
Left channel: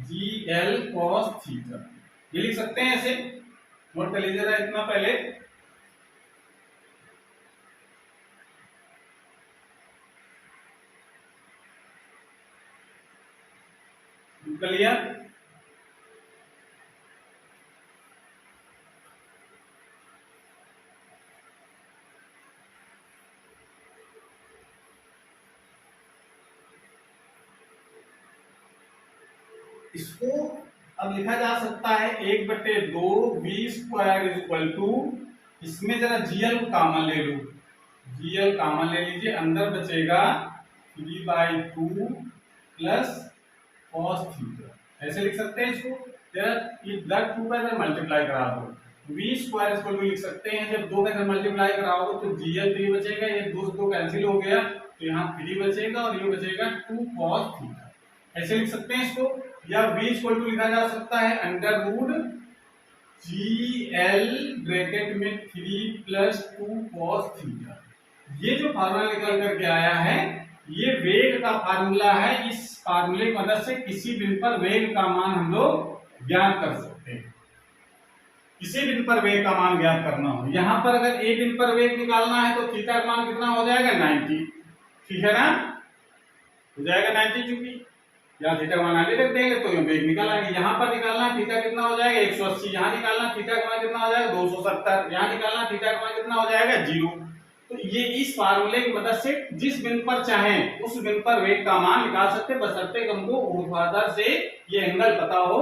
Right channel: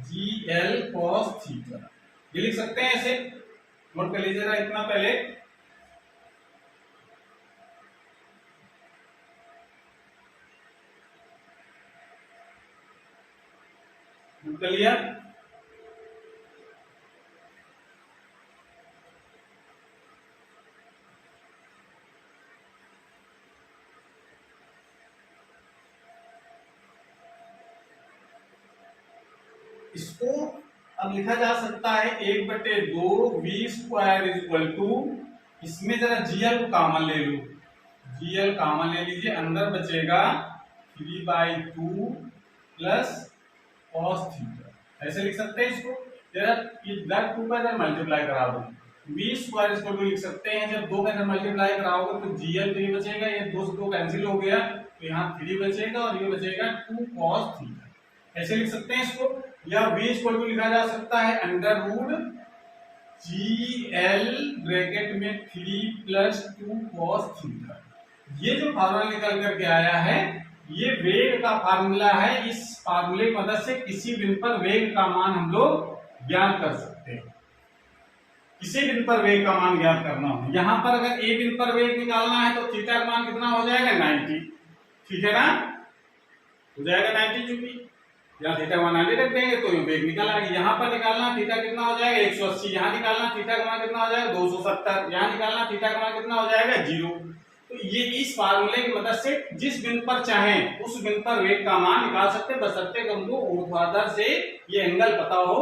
GL cos theta. ये लिख सकते हैं ऐसे, नोट कर लीजिएगा इतना पहले। कर लिया, इसको अब लिखा जा सकता है 1/2 V स्क्वायर इक्वल टू, इसमें जरा GL को कॉमन ले लो, GL कॉमन ले लीजिए, अंदर बचेगा 3/2 प्लस cos थीटा। ऐसे लिख सकते हैं इसको, जरा ये 2 का इधर मल्टीप्लाई करा दो, V स्क्वायर इसको भी लिख सकते हैं, जब 2 का इधर मल्टीप्लाई कराओगे तो GL 3 बचेगा, ये 2 से 2 कैंसिल हो गया तो यहाँ 3 बचेगा और ये बचेगा 2 cos थीटा। ऐसे लिख सकते हैं इसको, या V इक्वल टू लिखा जा सकता है अंडर रूट GL ब्रैकेट में 3 प्लस 2 cos थीटा। ये जो फार्मूला निकल करके आया है ये वेग का फार्मूला है, इस फार्मूले की मदद से किसी बिंदु पर वेग का मान हम लोग ज्ञात कर सकते हैं। किसी बिंदु पर वेग का मान ज्ञात करना हो, यहां पर अगर ए बिंदु पर वेग निकालना है तो थीटा का मान कितना हो जाएगा, 90, ठीक है ना, हो जाएगा 90, चूंकि यहाँ थीटा का मान 90 रख देंगे तो ये वेग निकल आएगा। यहाँ पर निकालना थीटा कितना हो जाएगा, 180, यहाँ निकालना थीटा का मान कितना हो जाएगा, 270, यहाँ निकालना थीटा का मान कितना हो जाएगा, 0। तो ये इस फार्मूले की मदद से जिस बिंदु पर चाहें उस बिंदु पर वेग का मान निकाल सकते हैं, बशर्ते कि हमको ऊर्ध्वाधर से ये एंगल पता हो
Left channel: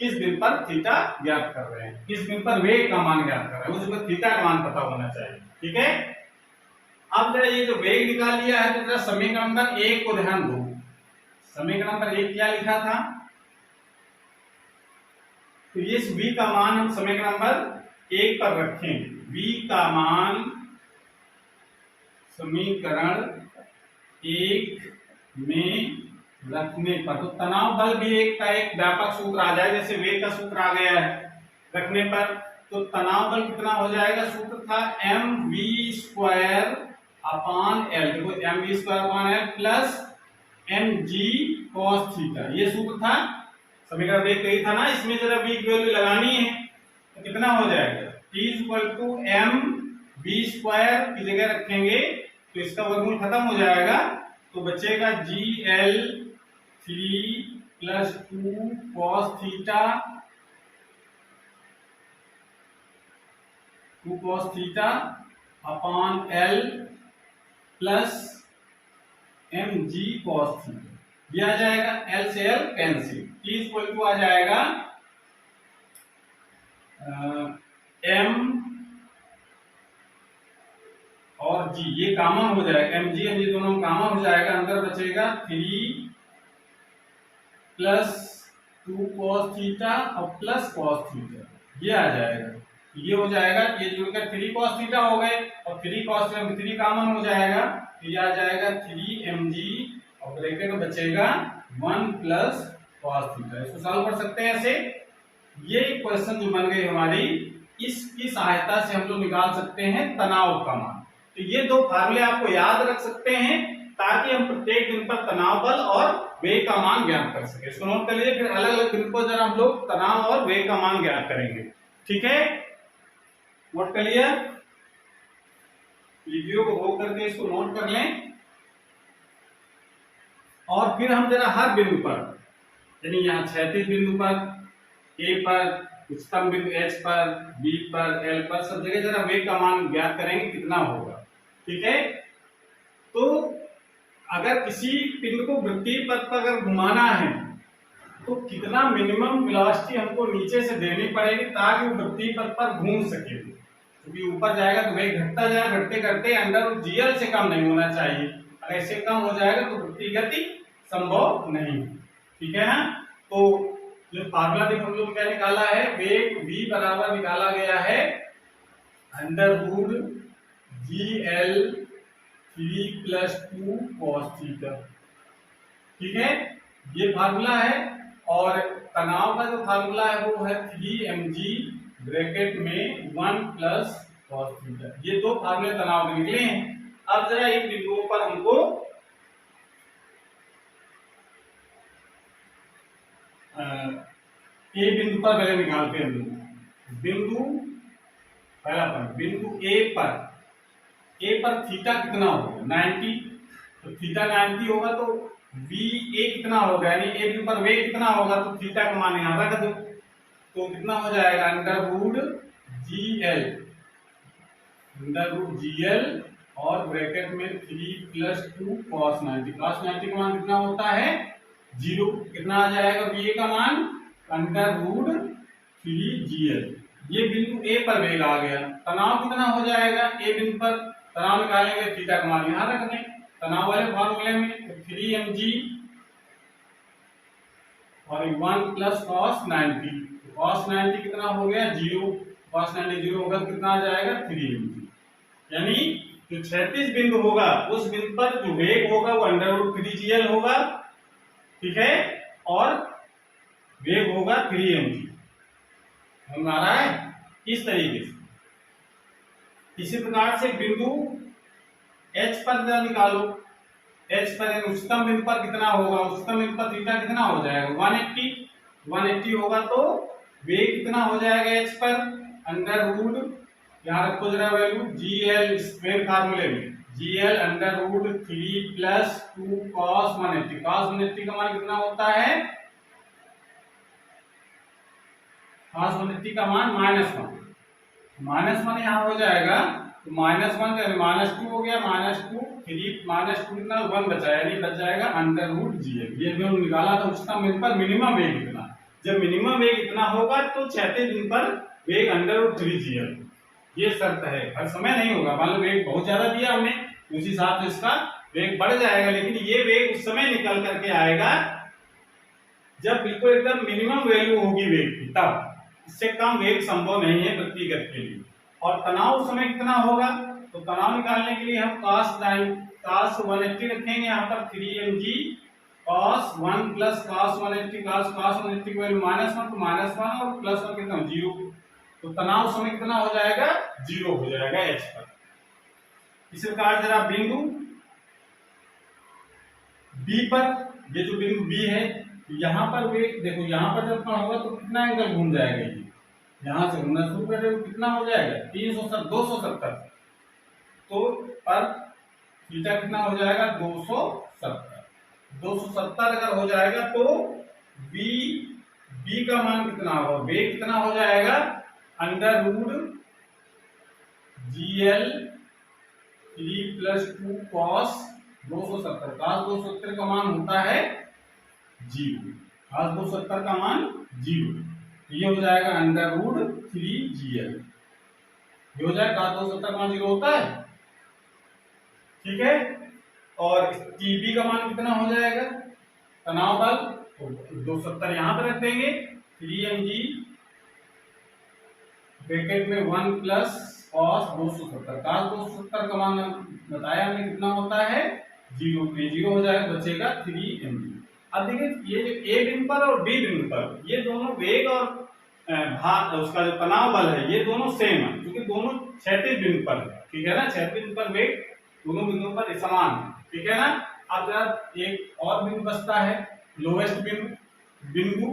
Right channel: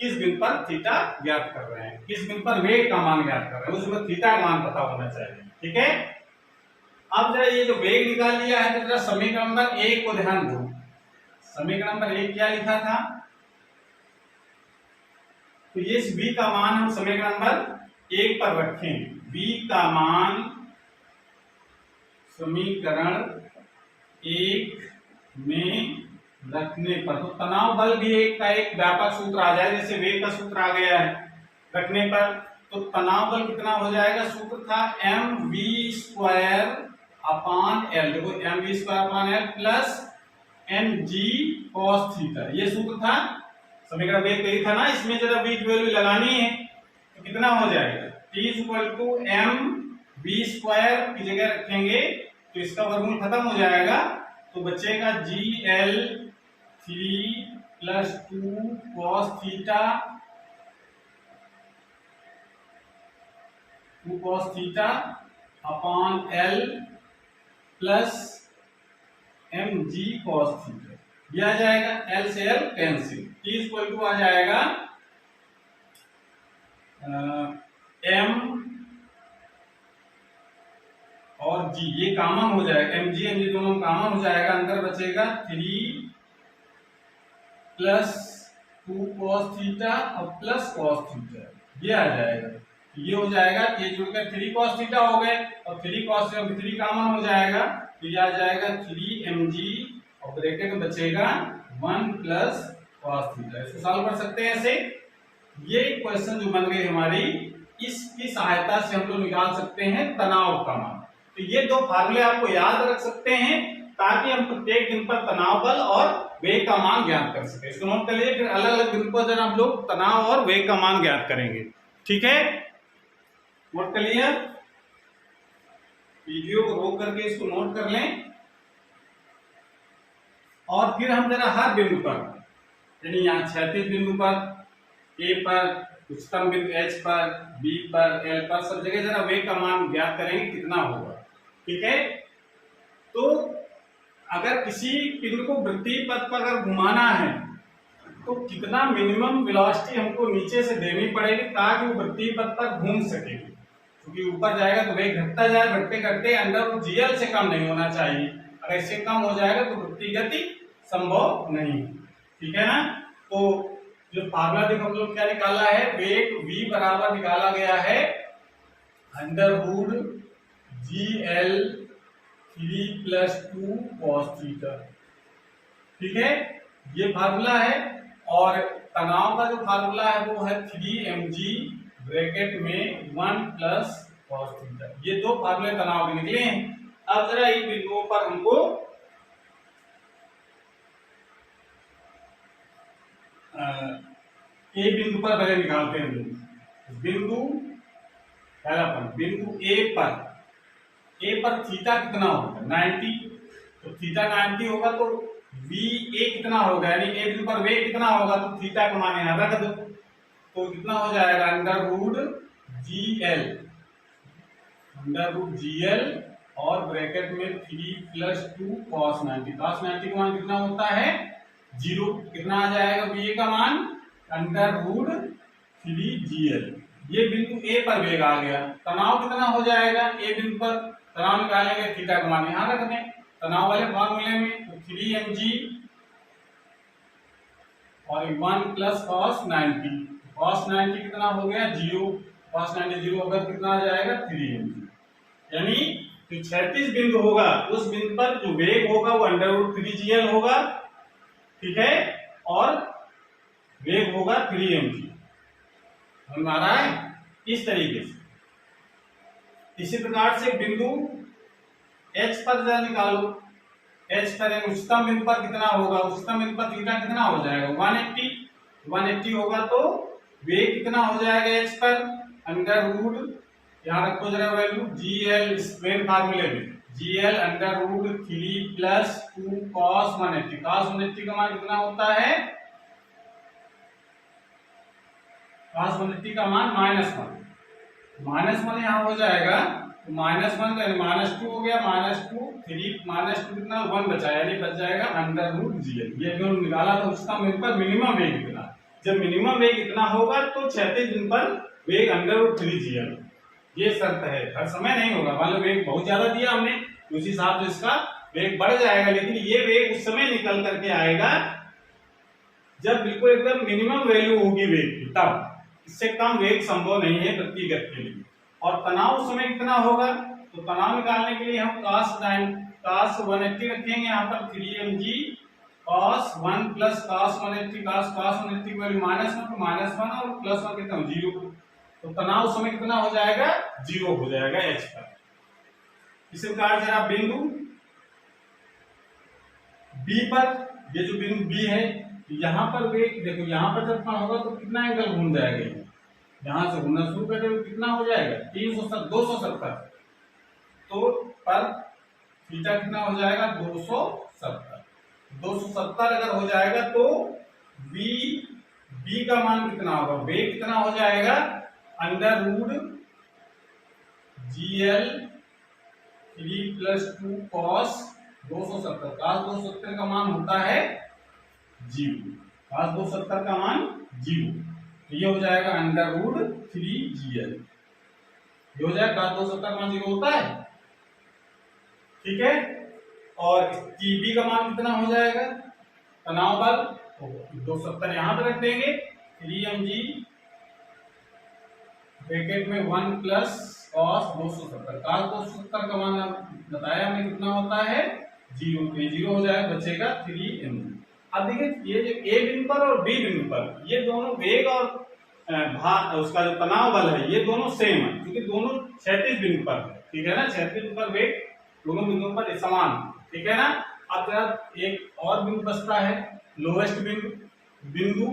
किस बिंदु पर थीटा ज्ञात कर रहे हैं, किस बिंदु पर वेग का मान ज्ञात कर रहे हैं, उसमें थीटा का मान पता होना चाहिए, ठीक है। अब जरा ये जो वेग निकाल लिया है तो जरा समीकरण नंबर 1 को ध्यान दो। समीकरण नंबर 1 क्या लिखा था, तो ये v का मान हम समीकरण नंबर 1 पर रखें, v का मान समीकरण 1 में रखने पर, तो तनाव बल भी एक व्यापक सूत्र आ जाए, जैसे वेग का सूत्र आ गया है रखने पर, तो तनाव बल कितना हो जाएगा, सूत्र था mv स्क्वायर अपॉन l, देखो mv square upon l plus mg cos theta, ये सूत्र था समीकरण 1 यही था ना। इसमें जरा v की वैल्यू लगानी है तो कितना हो जाएगा, t equal to mv square की जगह रखेंगे तो इसका वर्गमूल खत्म हो जाएगा, तो बचेगा GL 3 plus 2 cos theta, 2 cos theta upon L plus mg cos theta, ये आ जाएगा, L से L cancel, T equal to आ जाएगा m और g, ये कॉमन हो जाएगा, mg दोनों कॉमन हो जाएगा, अंदर बचेगा 3 प्लस 2 cos थीटा और प्लस cos थीटा, ये आ जाएगा, ये हो जाएगा, ये जुड़कर 3 cos थीटा हो गए और 3 cos 3 कॉमन हो जाएगा, तो ये आ जाएगा 3 mg और ब्रैकेट में बचेगा 1 प्लस cos थीटा। इसको सॉल्व कर सकते हैं ऐसे। ये क्वेश्चन जो बन गई हमारी, इसकी सहायता से हम लोग निकाल सकते हैं तनाव का मान। तो ये दो फार्मूले आपको याद रख सकते हैं ताकि हम प्रत्येक दिन पर तनाव बल और वेग का मान ज्ञात कर सके। इसको नोट कर लीजिए, फिर अलग अलग दिन पर जब हम लोग तनाव और वेग का मान ज्ञात करेंगे। ठीक है, नोट कर लिया। वीडियो को रोक करके इसको नोट कर लें और फिर हम जरा हर बिंदु पर, यानी यहाँ क्षैतिज बिंदु पर, ए पर, उच्चतम बिंदु एच पर, बी पर, एल पर, सब जगह जरा वेग का मान ज्ञात करेंगे कितना होगा। ठीक है, तो अगर किसी पिंड को वृत्तीय पथ पर अगर घुमाना है तो कितना मिनिमम वेलोसिटी हमको नीचे से देनी पड़ेगी ताकि वो वृत्तीय पथ पर घूम सके। क्योंकि ऊपर जाएगा तो वेग घटता जाए, घटते घटते अंडर जीएल से कम नहीं होना चाहिए। अगर इससे कम हो जाएगा तो वृत्तीय गति संभव नहीं। ठीक है ना, तो जो फार्मूला देखो हम लोग क्या निकाला है, वेग v बराबर निकाला गया है under root GL 3+2 cos theta. ठीक है, ये फार्मूला है। और तनाव का जो फार्मूला है वो है 3mg ब्रैकेट में 1 cos थीटा। ये दो फार्मूले तनाव के निकले हैं। अब जरा इन बिंदुओं पर हमको ए बिंदु पर पहले निकालते हैं बिंदु। पहला पॉइंट, बिंदु ए पर थीटा कितना होगा 90। तो थीटा 90 होगा तो वी ए कितना होगा, यानी ए बिंदु पर वेग कितना होगा, तो थीटा का मान यहां रख दो। तो कितना हो जाएगा अंडर रूट GL और ब्रैकेट में 3+2 cos 90। cos 90 का मान कितना होता है 0। कितना आ जाएगा वी ए का मान अंडर रूट 3GL। ये बिंदु ए पर वेग आ गया। तनाव कितना हो जाएगा ए बिंदु पर, तनाव निकालेंगे थीटा का मान यहां रख दें तनाव वाले फार्मूले में, तो 3mg और 1 cos 90। cos 90 कितना हो गया 0। cos 90 0 होगा तो कितना आ जाएगा 3mg। यानी जो क्षैतिज बिंदु होगा उस बिंदु पर जो वेग होगा वो अंडर रूट 3GL होगा। ठीक है, और वेग होगा 3mg। समझ आ रहा है, इस तरीके से। इसी प्रकार से बिंदु H पर जरा निकालो। H पर उच्चतम बिंदु पर कितना होगा, उच्चतम बिंदु पर थीटा कितना हो जाएगा 180 होगा तो वेग कितना हो जाएगा H पर अंडर रूट, यहाँ रखो जरा वैल्यू GL मेन फार्मूले में, GL under root 3+2 cos 180। cos 180 का मान कितना होता है, cos 180 का मान -1 यहाँ हो जाएगा। तो -1 -2 हो गया, -2 3 कितना 1 बचा, यानी बच जाएगा अंडर रूट GL। ये जो निकाला था उच्चतम बिंदु पर मिनिमम वेग कितना, जब मिनिमम वेग इतना होगा तो क्षैतिज बिंदु पर वेग अंडर रूट 3GL। ये शर्त है, हर समय नहीं होगा। मान लो वेग बहुत ज्यादा दिया हमने, उसी हिसाब से इसका वेग बढ़ जाएगा, लेकिन ये वेग उस समय निकल करके आएगा जब बिल्कुल एकदम मिनिमम वैल्यू होगी वेग की, तब। इससे कम वेग संभव नहीं है व्यक्तिगत के लिए। और तनाव उस समय कितना होगा, तो तनाव निकालने के लिए हम cos 180 रखेंगे यहाँ पर 3mg cos 1 cos 180। cos 180 की वैल्यू -1 तो -1 और +1 कितना 0। तो तनाव उस समय कितना हो जाएगा 0 हो जाएगा H पर। इसी प्रकार से आप बिंदु B पर, ये जो बिंदु B है यहाँ पर वेग देखो, यहाँ पर जब कण होगा तो कितना एंगल घूम जाएगा, ये यहां से घूमना शुरू कर देगा, कितना हो जाएगा 270। तो पर थीटा कितना हो जाएगा 270 अगर हो जाएगा तो बी का मान कितना होगा, वेग कितना हो जाएगा under root GL 3+2 cos 270। cos 270 का मान होता है 0। cos 270 का मान 0, तो ये हो जाएगा अंडर रूट 3GL। ये हो जाएगा, cos 270 का मान 0 होता है। ठीक है, और TB का मान कितना हो जाएगा तनाव बल, तो 270 यहां पे रख देंगे, 3mg ब्रैकेट में 1 cos 270। cos 270 का मान बताया हमने कितना होता है 0, 0 हो जाएगा, बचेगा 3mg। अब देखिए ये जो ए बिंदु पर और बी बिंदु पर ये दोनों वेग और भार उसका जो तनाव बल है ये दोनों सेम है, क्योंकि दोनों क्षैतिज बिंदु पर है, ठीक है ना। क्षैतिज बिंदु पर वेग दोनों बिंदुओं पर समान है, ठीक है ना। अब जरा एक और बिंदु बचता है, लोएस्ट बिंदु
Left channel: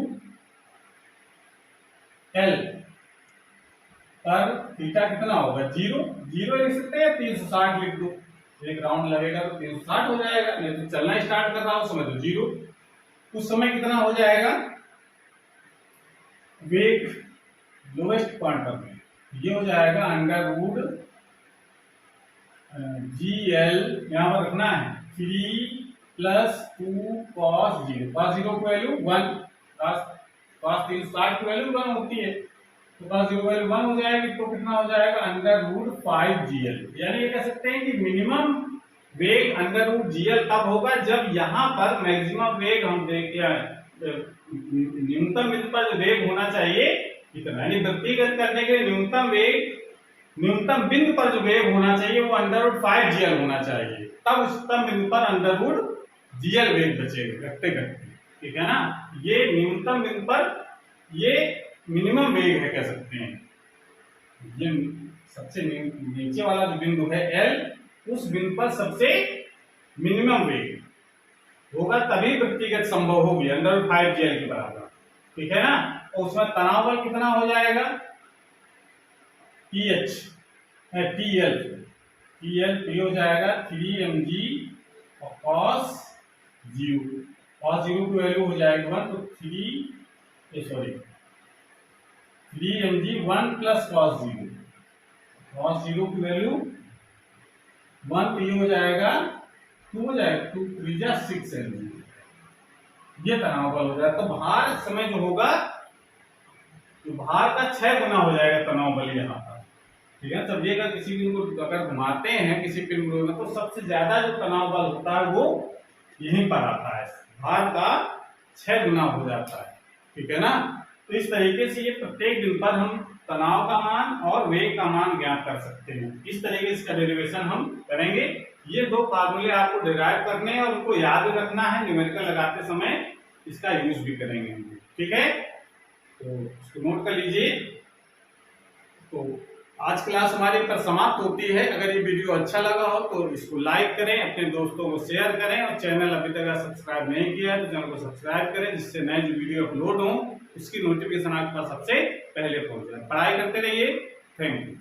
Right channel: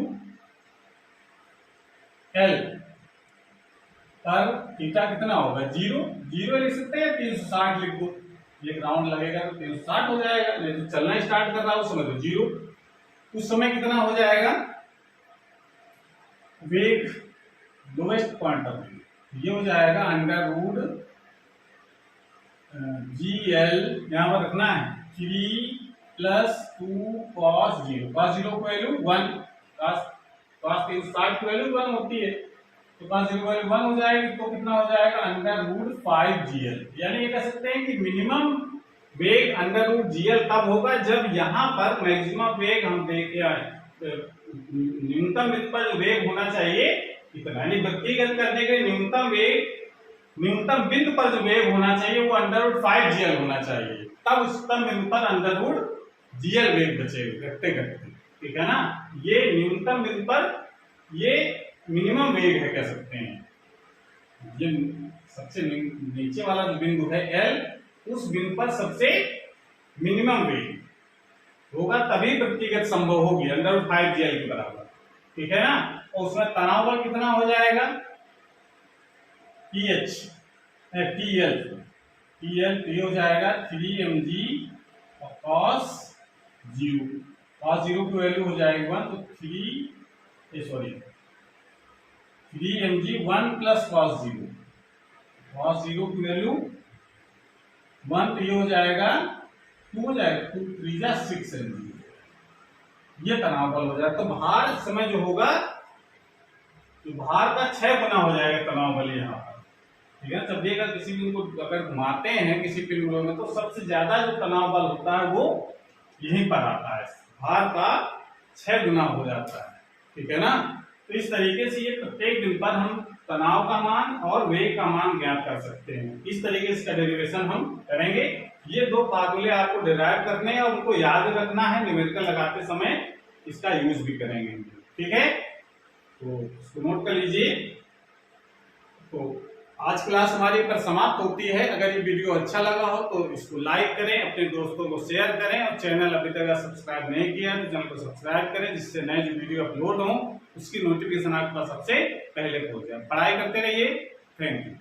एल पर थीटा कितना होगा, 0 लिख सकते हैं या 360 लिख दो, एक राउंड लगेगा तो 360 हो जाएगा। नहीं तो चलना स्टार्ट कर रहा हूं उस समय तो 0, उस समय कितना हो जाएगा वेग लोएस्ट पॉइंट पर ये हो जाएगा अंडर रूट GL, यहां पर रखना है 3 + 2 cos 0, cos 0 की वैल्यू 1, cos 360 की वैल्यू 1 होती है, तो cos 0 की वैल्यू 1 हो जाएगी, तो कितना हो जाएगा अंडर रूट 5GL। यानी ये कह सकते हैं कि मिनिमम वेग अंडर रूट GL तब होगा जब यहाँ पर मैक्सिमम वेग हम देख न्यूनतम बिंदु पर जो वेग होना चाहिए इतना, यानी व्यक्तिगत करने के लिए न्यूनतम बिंदु पर जो वेग होना चाहिए वो अंडर रूट 5GL होना चाहिए, तब उच्चतम बिंदु पर अंडर रूट GL वेग बचेगा घटते घटते, ठीक है ना। ये न्यूनतम बिंदु पर ये मिनिमम वेग है कह सकते हैं। ये सबसे नीचे वाला जो बिंदु है L, उस बिंदु पर सबसे मिनिमम वेग होगा, तभी व्यक्तिगत संभव होगी अंडर रूट 5GL के बराबर, ठीक है ना। और उसमें तनाव बल कितना हो जाएगा TL हो जाएगा 3mg और cos 0 की वैल्यू हो जाएगी 1, तो 3mg 1 + cos 0 की वैल्यू 1, तो ये हो जाएगा 2 हो जाएगा, 2 3 जा 6 mg, ये तनाव बल हो जाएगा। तो भार इस समय जो होगा, जो भार का 6 गुना हो जाएगा तनाव बल यहाँ पर, ठीक है। तब ये अगर किसी बिंदु को अगर घुमाते हैं किसी पिन में, तो सबसे ज्यादा जो तनाव बल होता है वो यहीं पर आता है, भार का 6 गुना हो जाता है, ठीक है ना। तो इस तरीके से ये प्रत्येक बिंदु पर हम तनाव का मान और वेग का मान ज्ञात कर सकते हैं। इस तरीके से इसका डेरिवेशन हम करेंगे। ये दो फार्मूले आपको डिराइव करने हैं और उनको याद रखना है, न्यूमेरिकल लगाते समय इसका यूज भी करेंगे, ठीक है। तो इसको नोट कर लीजिए। तो आज क्लास हमारी पर समाप्त होती है। अगर ये वीडियो अच्छा लगा हो तो इसको लाइक करें, अपने दोस्तों को शेयर करें, और चैनल अभी तक सब्सक्राइब नहीं किया तो चैनल को सब्सक्राइब करें, जिससे नए जो वीडियो अपलोड हो उसकी नोटिफिकेशन आपके पास सबसे पहले पहुंच जाए। पढ़ाई करते रहिए। Thank you.